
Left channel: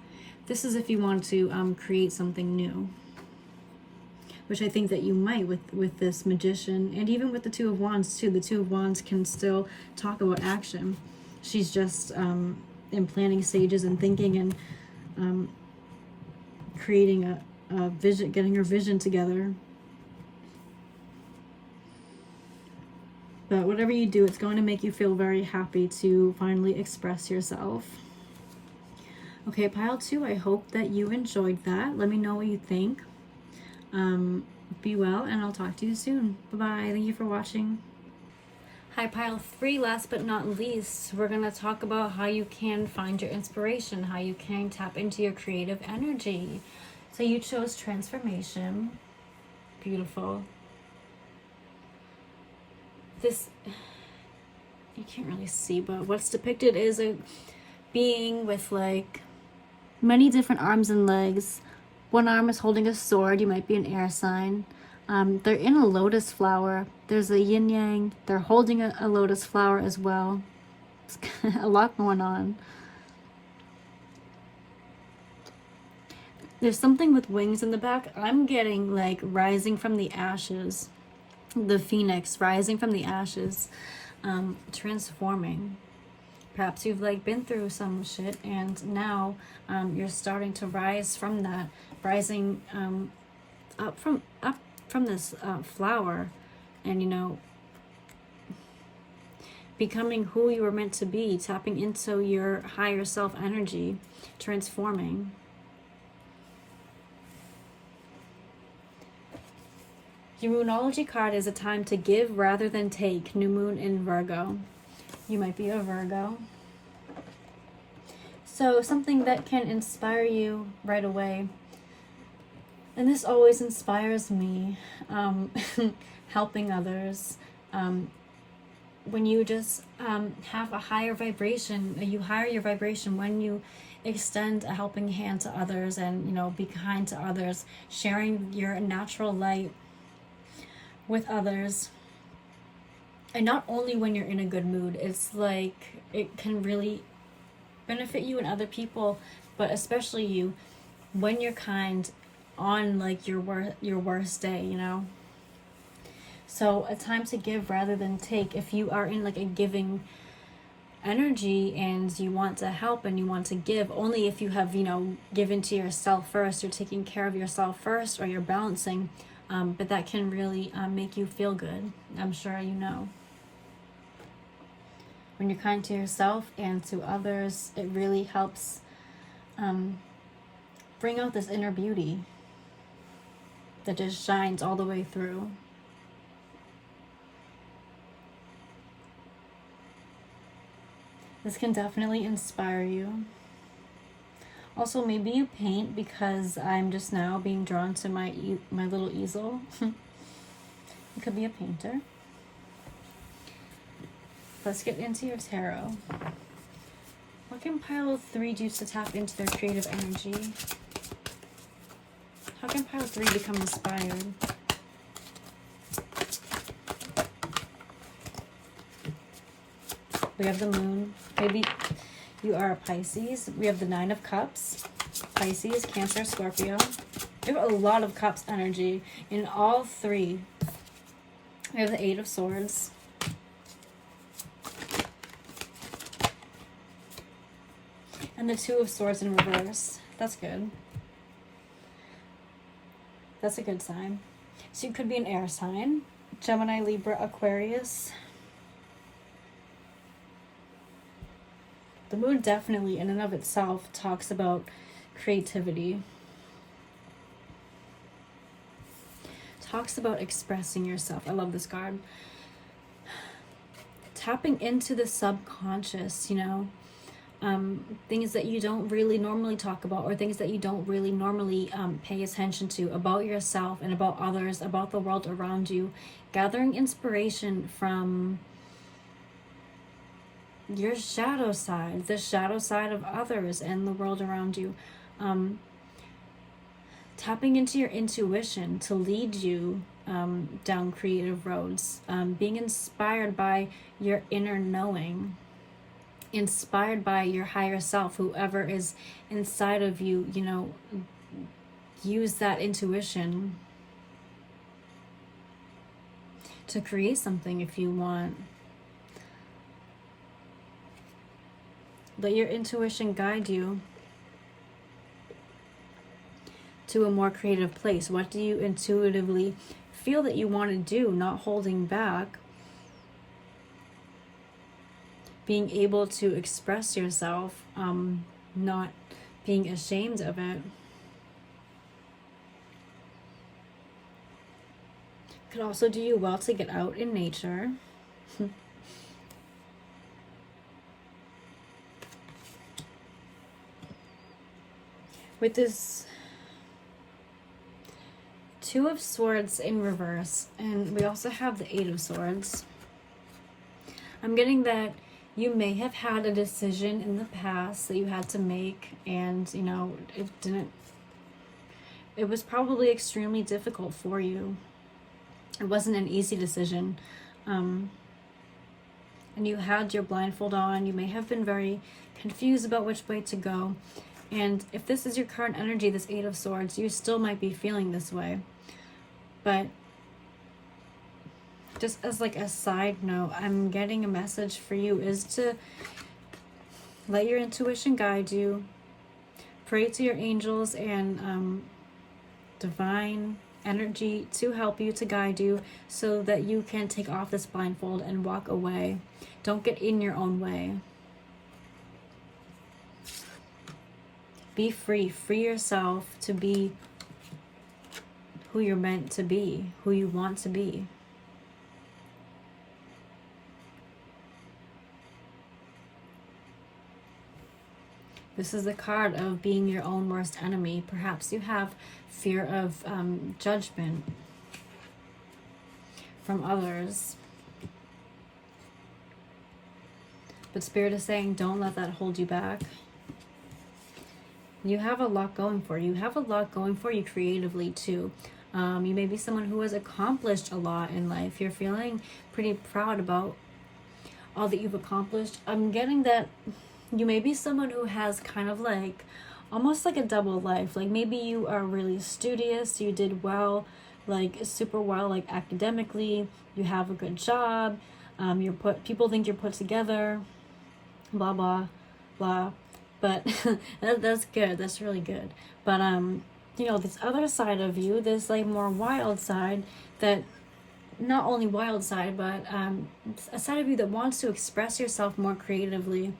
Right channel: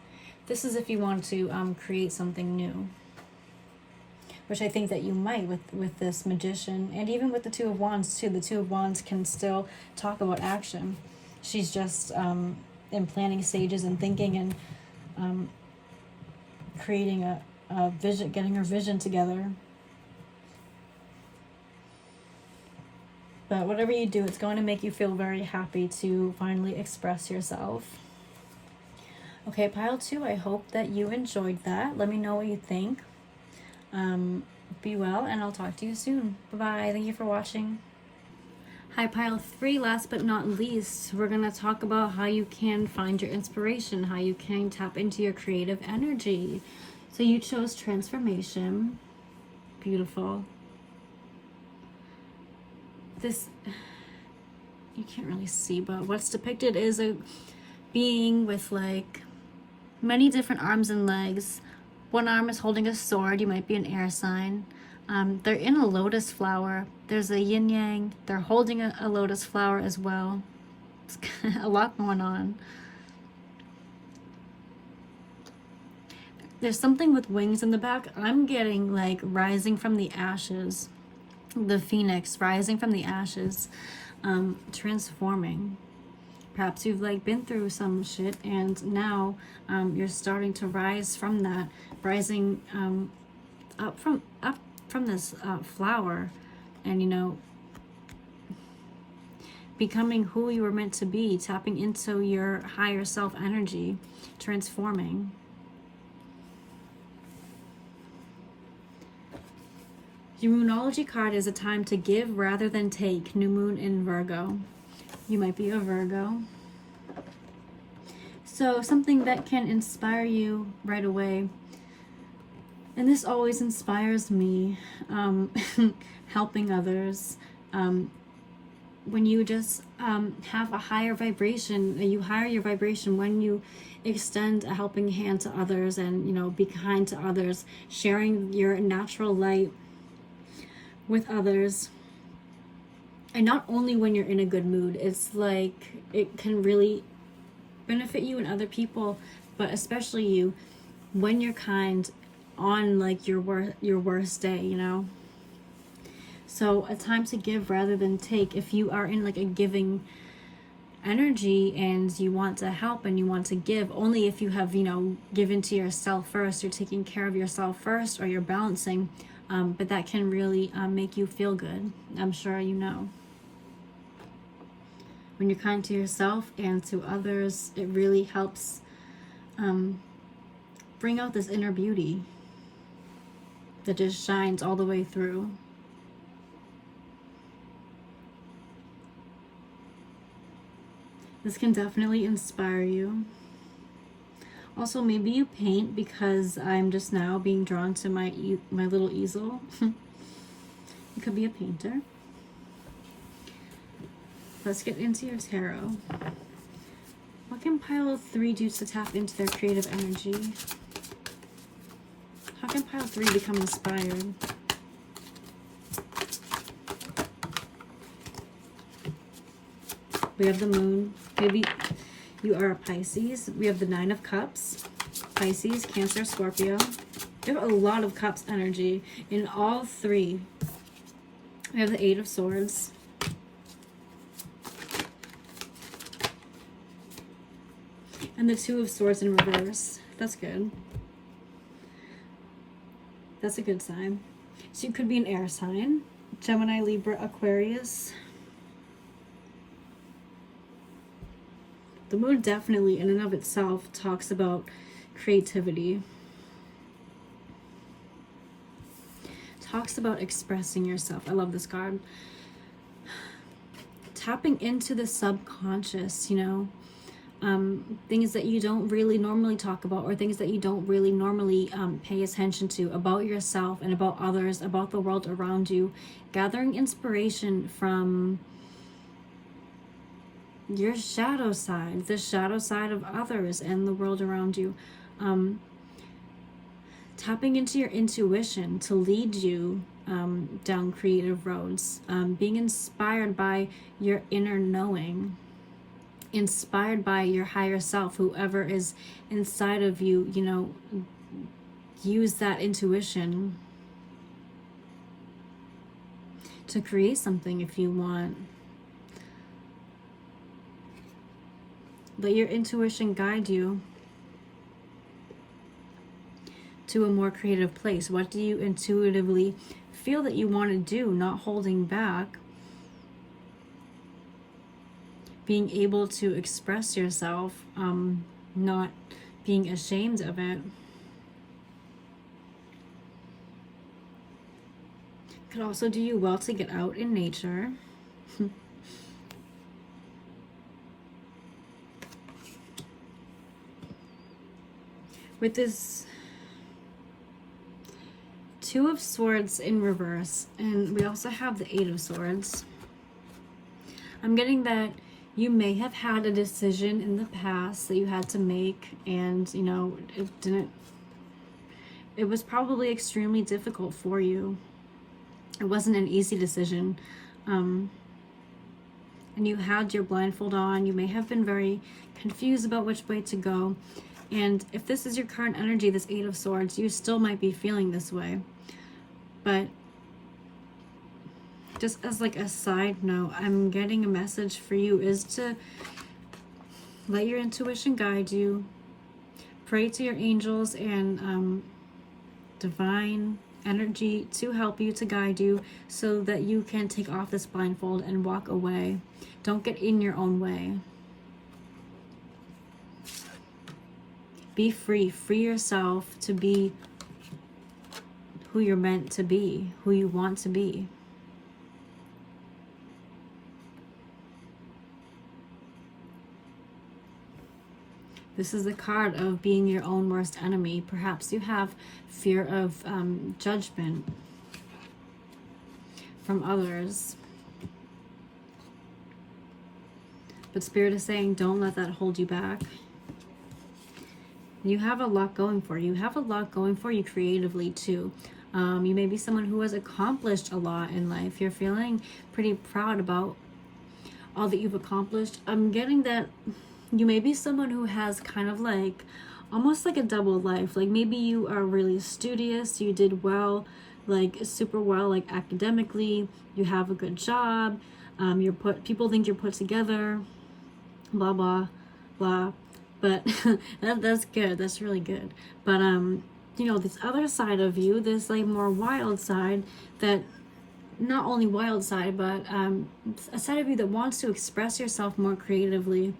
This is if you want to create something new, which I think that you might with this Magician, and even with the Two of Wands too. The Two of Wands can still talk about action. She's just in planning stages and thinking and creating a vision, getting her vision together. But whatever you do, it's going to make you feel very happy to finally express yourself. Okay, pile 2, I hope that you enjoyed that. Let me know what you think. Be well, and I'll talk to you soon. Bye-bye. Thank you for watching. Hi, pile 3, last but not least, we're going to talk about how you can find your inspiration, how you can tap into your creative energy. So you chose transformation. Beautiful. This, you can't really see, but what's depicted is a being with like many different arms and legs. One arm is holding a sword. You might be an air sign. They're in a lotus flower. There's a yin yang. They're holding a lotus flower as well. It's a lot going on. There's something with wings in the back. I'm getting like rising from the ashes. The phoenix rising from the ashes, transforming. Perhaps you've like been through some shit, and now you're starting to rise from that, rising up from this flower, and you know, becoming who you were meant to be, tapping into your higher self energy, transforming. Your Moonology card is a time to give rather than take. New moon in Virgo. You might be a Virgo. So something that can inspire you right away. And this always inspires me. Helping others. When you just have a higher vibration, you higher your vibration when you extend a helping hand to others, and you know, be kind to others, sharing your natural light with others. And not only when you're in a good mood, it's like it can really benefit you and other people, but especially you when you're kind on like your worst day, you know. So a time to give rather than take. If you are in like a giving energy and you want to help and you want to give, only if you have, you know, given to yourself first, you're taking care of yourself first, or you're balancing. But that can really make you feel good. I'm sure you know. When you're kind to yourself and to others, it really helps bring out this inner beauty that just shines all the way through. This can definitely inspire you. Also, maybe you paint, because I'm just now being drawn to my little easel. You could be a painter. Let's get into your tarot. What can pile 3 do to tap into their creative energy? How can pile 3 become inspired? We have the moon. Maybe you are a Pisces. We have the 9 of Cups. Pisces, Cancer, Scorpio. We have a lot of Cups energy in all three. We have the Eight of Swords. And the Two of Swords in reverse. That's good. That's a good sign. So you could be an air sign. Gemini, Libra, Aquarius. The moon definitely in and of itself talks about creativity. Talks about expressing yourself. I love this card. Tapping into the subconscious, you know. Things that you don't really normally talk about, or things that you don't really normally pay attention to about yourself and about others, about the world around you. Gathering inspiration from your shadow side, the shadow side of others and the world around you. Tapping into your intuition to lead you down creative roads. Being inspired by your inner knowing. Inspired by your higher self, whoever is inside of you, you know, use that intuition to create something if you want. Let your intuition guide you to a more creative place. What do you intuitively feel that you want to do? Not holding back. Being able to express yourself, not being ashamed of it. Could also do you well to get out in nature. With this Two of Swords in reverse, and we also have the Eight of Swords. I'm getting that you may have had a decision in the past that you had to make, and you know, it was probably extremely difficult for you. It wasn't an easy decision. And you had your blindfold on. You may have been very confused about which way to go. And if this is your current energy, this Eight of Swords, you still might be feeling this way. But just as like a side note, I'm getting a message for you is to let your intuition guide you. Pray to your angels and divine energy to help you, to guide you, so that you can take off this blindfold and walk away. Don't get in your own way. Be free. Free yourself to be who you're meant to be, who you want to be. This is the card of being your own worst enemy. Perhaps you have fear of judgment from others. But Spirit is saying, don't let that hold you back. You have a lot going for you. You have a lot going for you creatively too. You may be someone who has accomplished a lot in life. You're feeling pretty proud about all that you've accomplished. I'm getting that you may be someone who has kind of like almost like a double life. Like maybe you are really studious, you did well, like super well, like academically, you have a good job, people think you're put together, blah blah blah. But that's good. That's really good. But you know, this other side of you, this like more wild side, that not only wild side, but a side of you that wants to express yourself more creatively.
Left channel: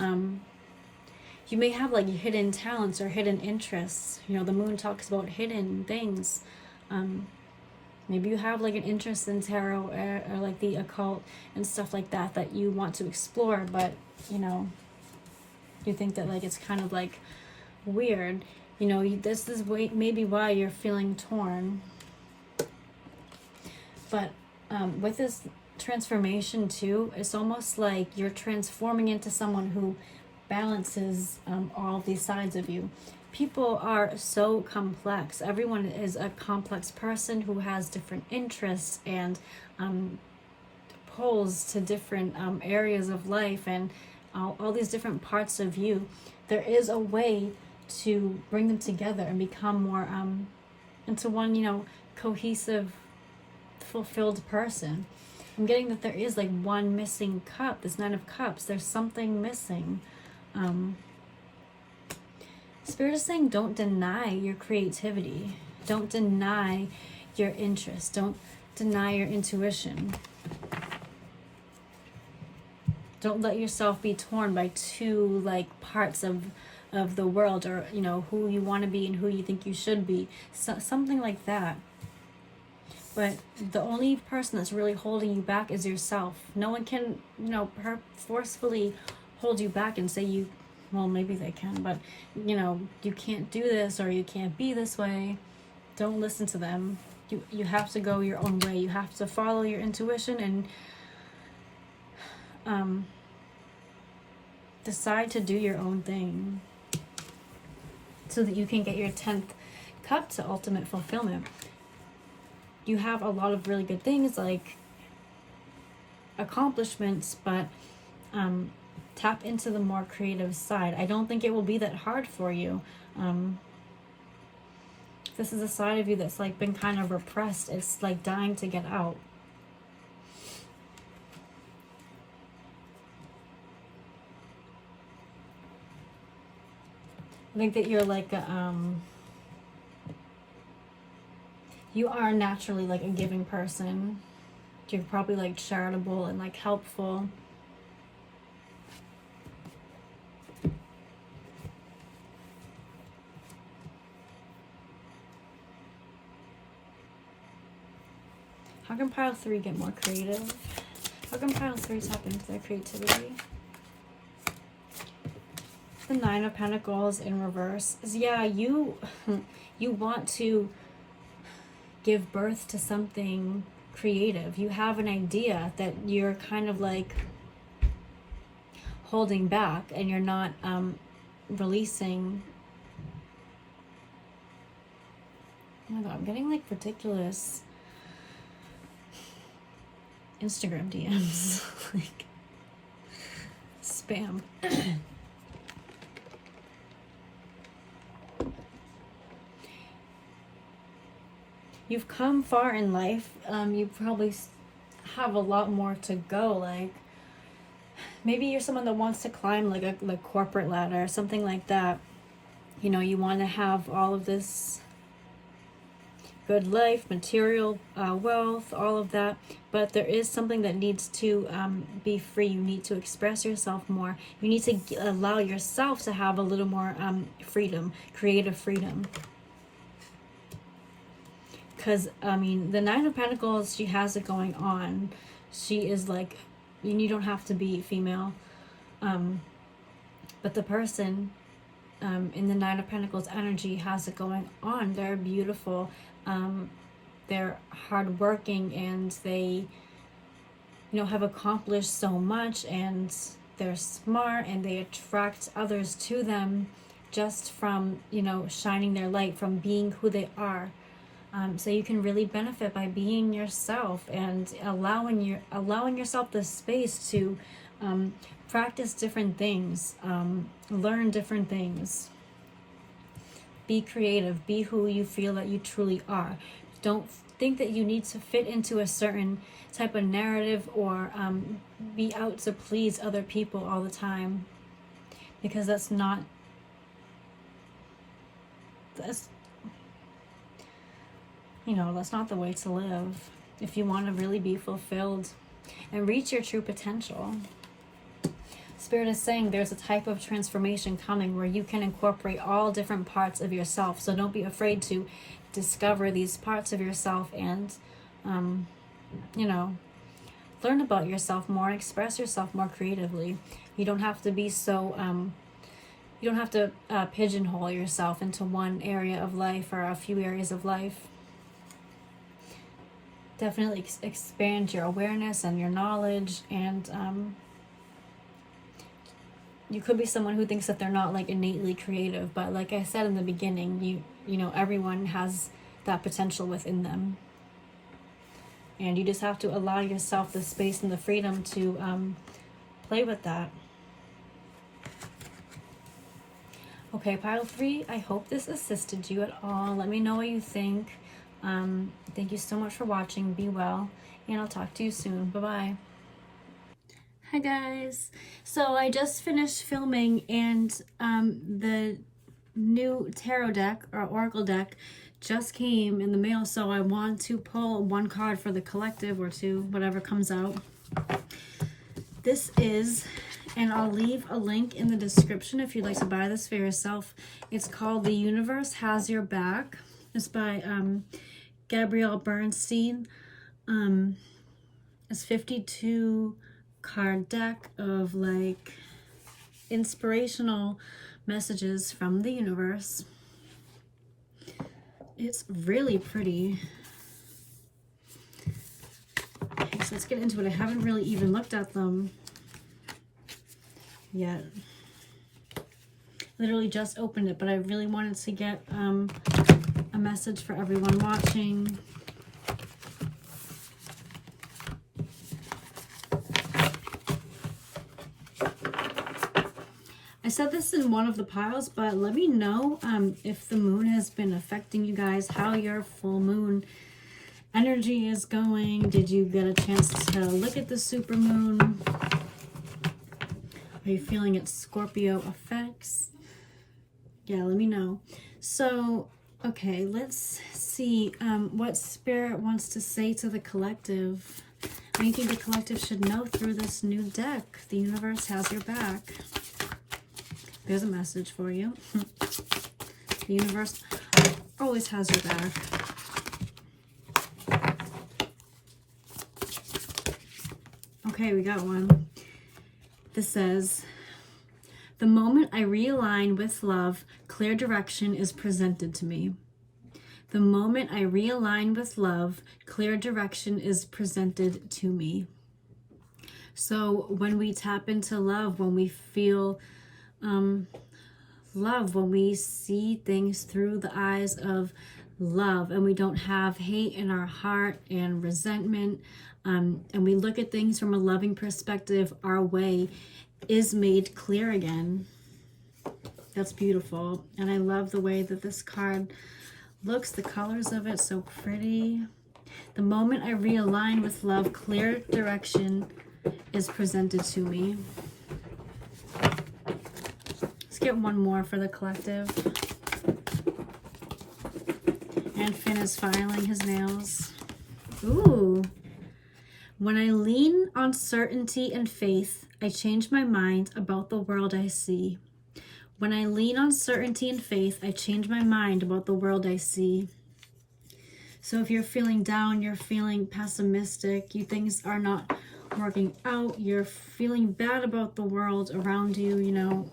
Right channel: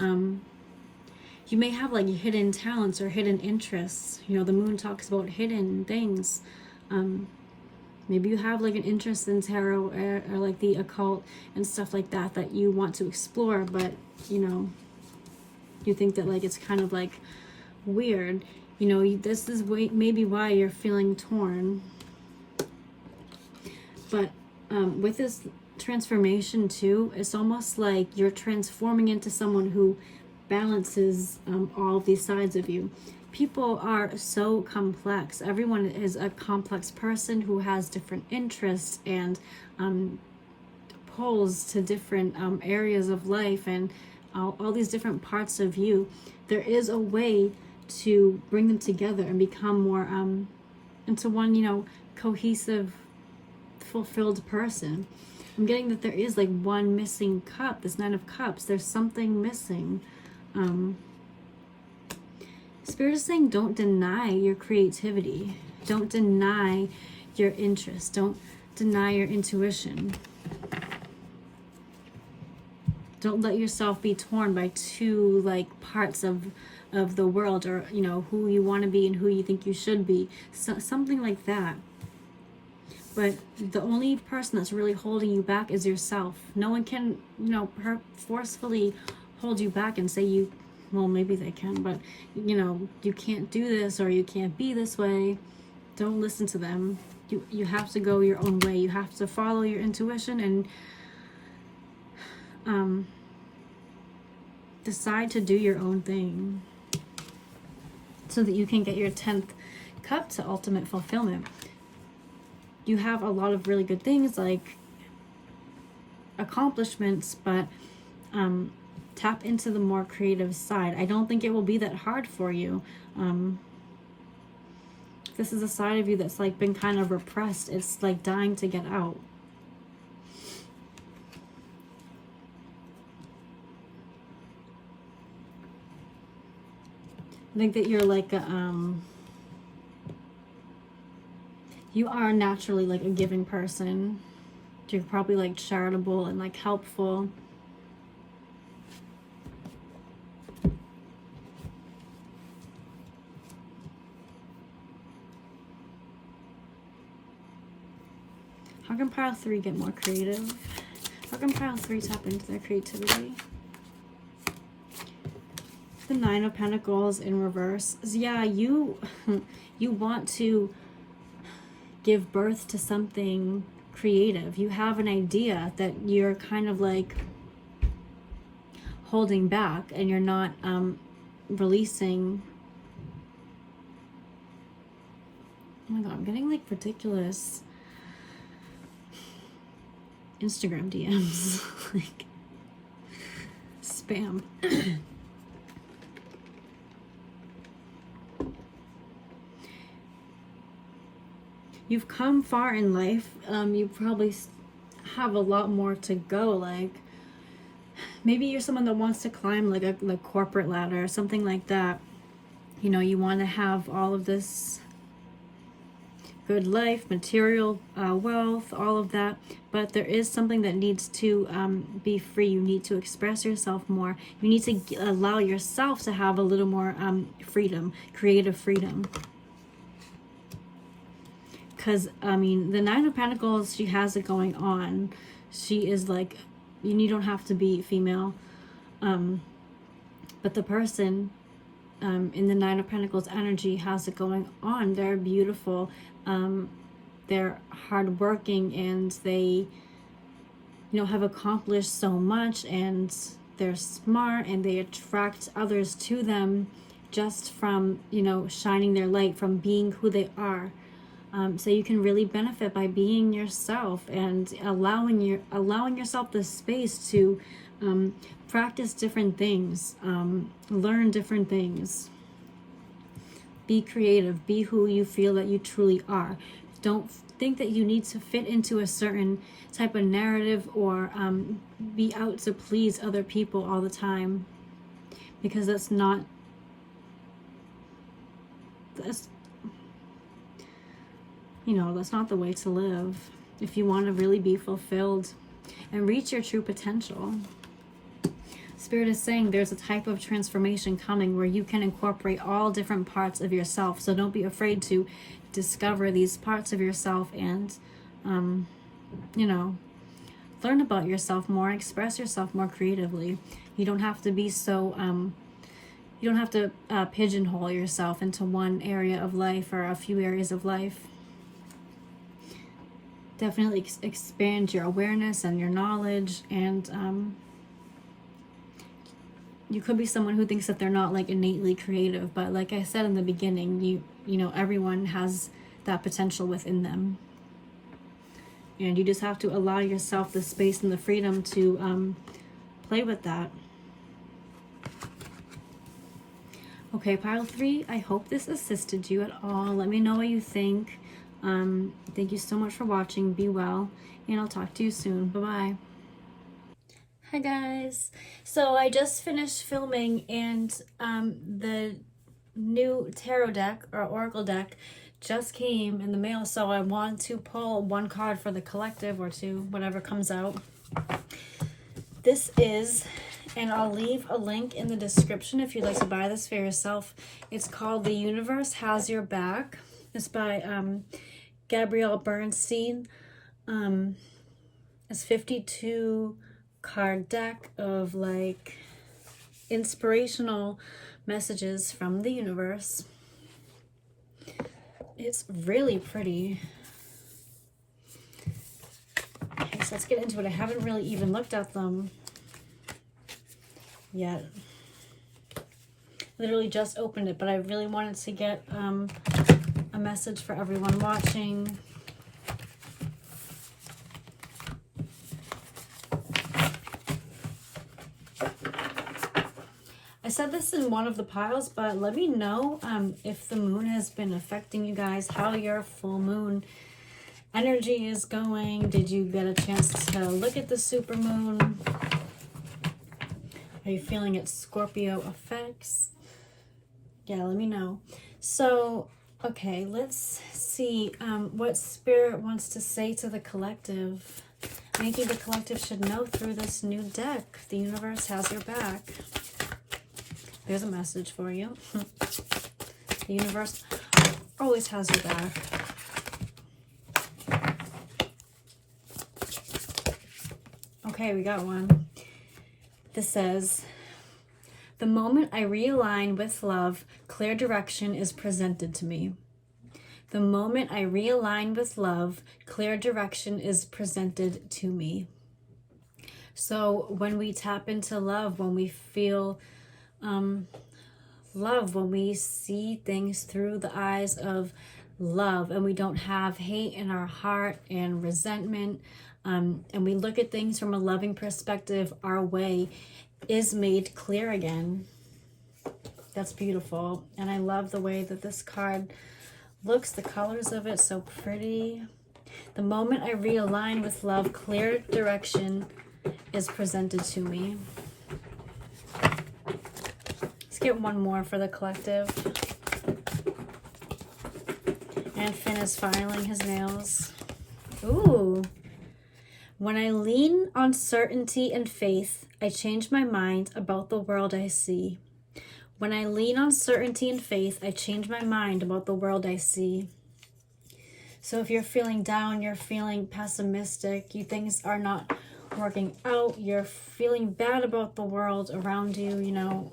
You may have like hidden talents or hidden interests. You know, the moon talks about hidden things. Maybe you have like an interest in tarot or like the occult and stuff like that that you want to explore, but you know, you think that like it's kind of like weird. You know, this is maybe why you're feeling torn. But with this transformation too, it's almost like you're transforming into someone who balances all these sides of you. People are so complex. Everyone is a complex person who has different interests and pulls to different areas of life and all these different parts of you. There is a way to bring them together and become more into one, cohesive, fulfilled person. I'm getting that there is like one missing cup, this Nine of Cups. There's something missing. Spirit is saying don't deny your creativity. Don't deny your interest. Don't deny your intuition. Don't let yourself be torn by two like parts of the world, or who you want to be and who you think you should be. Something like that. But the only person that's really holding you back is yourself. No one can, forcefully hold you back and say well, maybe they can, but you can't do this, or you can't be this way. Don't listen to them. You have to go your own way. You have to follow your intuition and decide to do your own thing so that you can get your 10th cup to ultimate fulfillment. You have a lot of really good things like accomplishments, but tap into the more creative side. I don't think it will be that hard for you. This is a side of you that's like been kind of repressed. It's like dying to get out. I think that you're like you are naturally like a giving person. You're probably like charitable and like helpful. How can pile 3 get more creative? How can pile 3 tap into their creativity? The 9 of Pentacles in reverse. Yeah, you want to give birth to something creative. You have an idea that you're kind of like holding back, and you're not releasing. Oh my god, I'm getting like ridiculous Instagram DMs. Like spam. You've come far in life. You probably have a lot more to go. Like maybe you're someone that wants to climb like a corporate ladder or something like that. You want to have all of this good life, material wealth, all of that. But there is something that needs to be free. You need to express yourself more. You need to allow yourself to have a little more freedom, creative freedom. Because, the 9 of Pentacles, she has it going on. She is like, you don't have to be female. But the person in the 9 of Pentacles energy has it going on. They're beautiful. They're hardworking, and they, have accomplished so much, and they're smart, and they attract others to them just from, shining their light, from being who they are. So you can really benefit by being yourself and allowing yourself the space to practice different things, learn different things. Be creative. Be who you feel that you truly are. Don't think that you need to fit into a certain type of narrative or be out to please other people all the time, because that's not the way to live if you want to really be fulfilled and reach your true potential. Spirit is saying there's a type of transformation coming where you can incorporate all different parts of yourself. So don't be afraid to discover these parts of yourself and, learn about yourself more, express yourself more creatively. You don't have to be so, you don't have to pigeonhole yourself into one area of life or a few areas of life. Definitely expand your awareness and your knowledge, and you could be someone who thinks that they're not like innately creative, but like I said in the beginning, everyone has that potential within them, and you just have to allow yourself the space and the freedom to play with that. Okay, pile 3, I hope this assisted you at all. Let me know what you think. Thank you so much for watching. Be well, and I'll talk to you soon. Bye-bye. Hi guys. So I just finished filming, and the new tarot deck or oracle deck just came in the mail, so I want to pull one card for the collective, or two, whatever comes out. This is, and I'll leave a link in the description if you'd like to buy this for yourself. It's called The Universe Has Your Back. It's by Gabrielle Bernstein. It's 52 card deck of like inspirational messages from the universe. It's really pretty. Okay, so let's get into it. I haven't really even looked at them yet. Literally just opened it, but I really wanted to get a message for everyone watching. I said this in one of the piles, but let me know if the moon has been affecting you guys, how your full moon energy is going. Did you get a chance to look at the super moon? Are you feeling its Scorpio effects? Yeah, let me know. So, okay, let's see what Spirit wants to say to the collective. Anything the collective should know through this new deck. The universe has your back. There's a message for you. The universe always has your back. Okay, we got one. This says, the moment I realign with love, clear direction is presented to me. The moment I realign with love, clear direction is presented to me. So when we tap into love, when we feel love, when we see things through the eyes of love, and we don't have hate in our heart and resentment, and we look at things from a loving perspective, our way is made clear again. That's beautiful. And I love the way that this card looks, the colors of it, so pretty. The moment I realign with love, clear direction is presented to me. Let's get one more for the collective. And Finn is filing his nails. Ooh. When I lean on certainty and faith, I change my mind about the world I see. When I lean on certainty and faith, I change my mind about the world I see. So if you're feeling down, you're feeling pessimistic, things are not working out, you're feeling bad about the world around you, you know,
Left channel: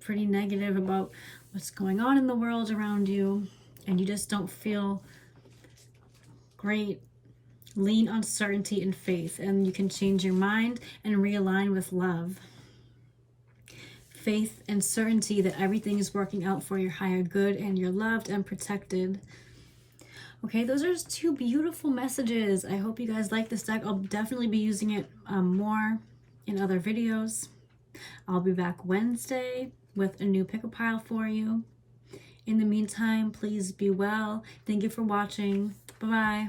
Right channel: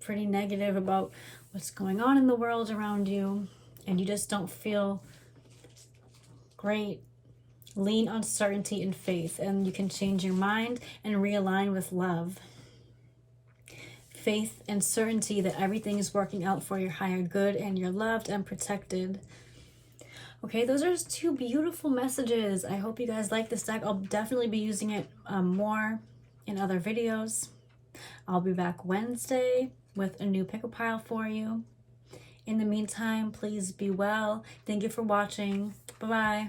pretty negative about what's going on in the world around you, and you just don't feel great, lean on certainty and faith, and you can change your mind and realign with love. Faith and certainty that everything is working out for your higher good and you're loved and protected. Okay, those are just two beautiful messages. I hope you guys like this deck. I'll definitely be using it more in other videos. I'll be back Wednesday with a new pick-a pile for you. In the meantime, please be well. Thank you for watching. Bye-bye.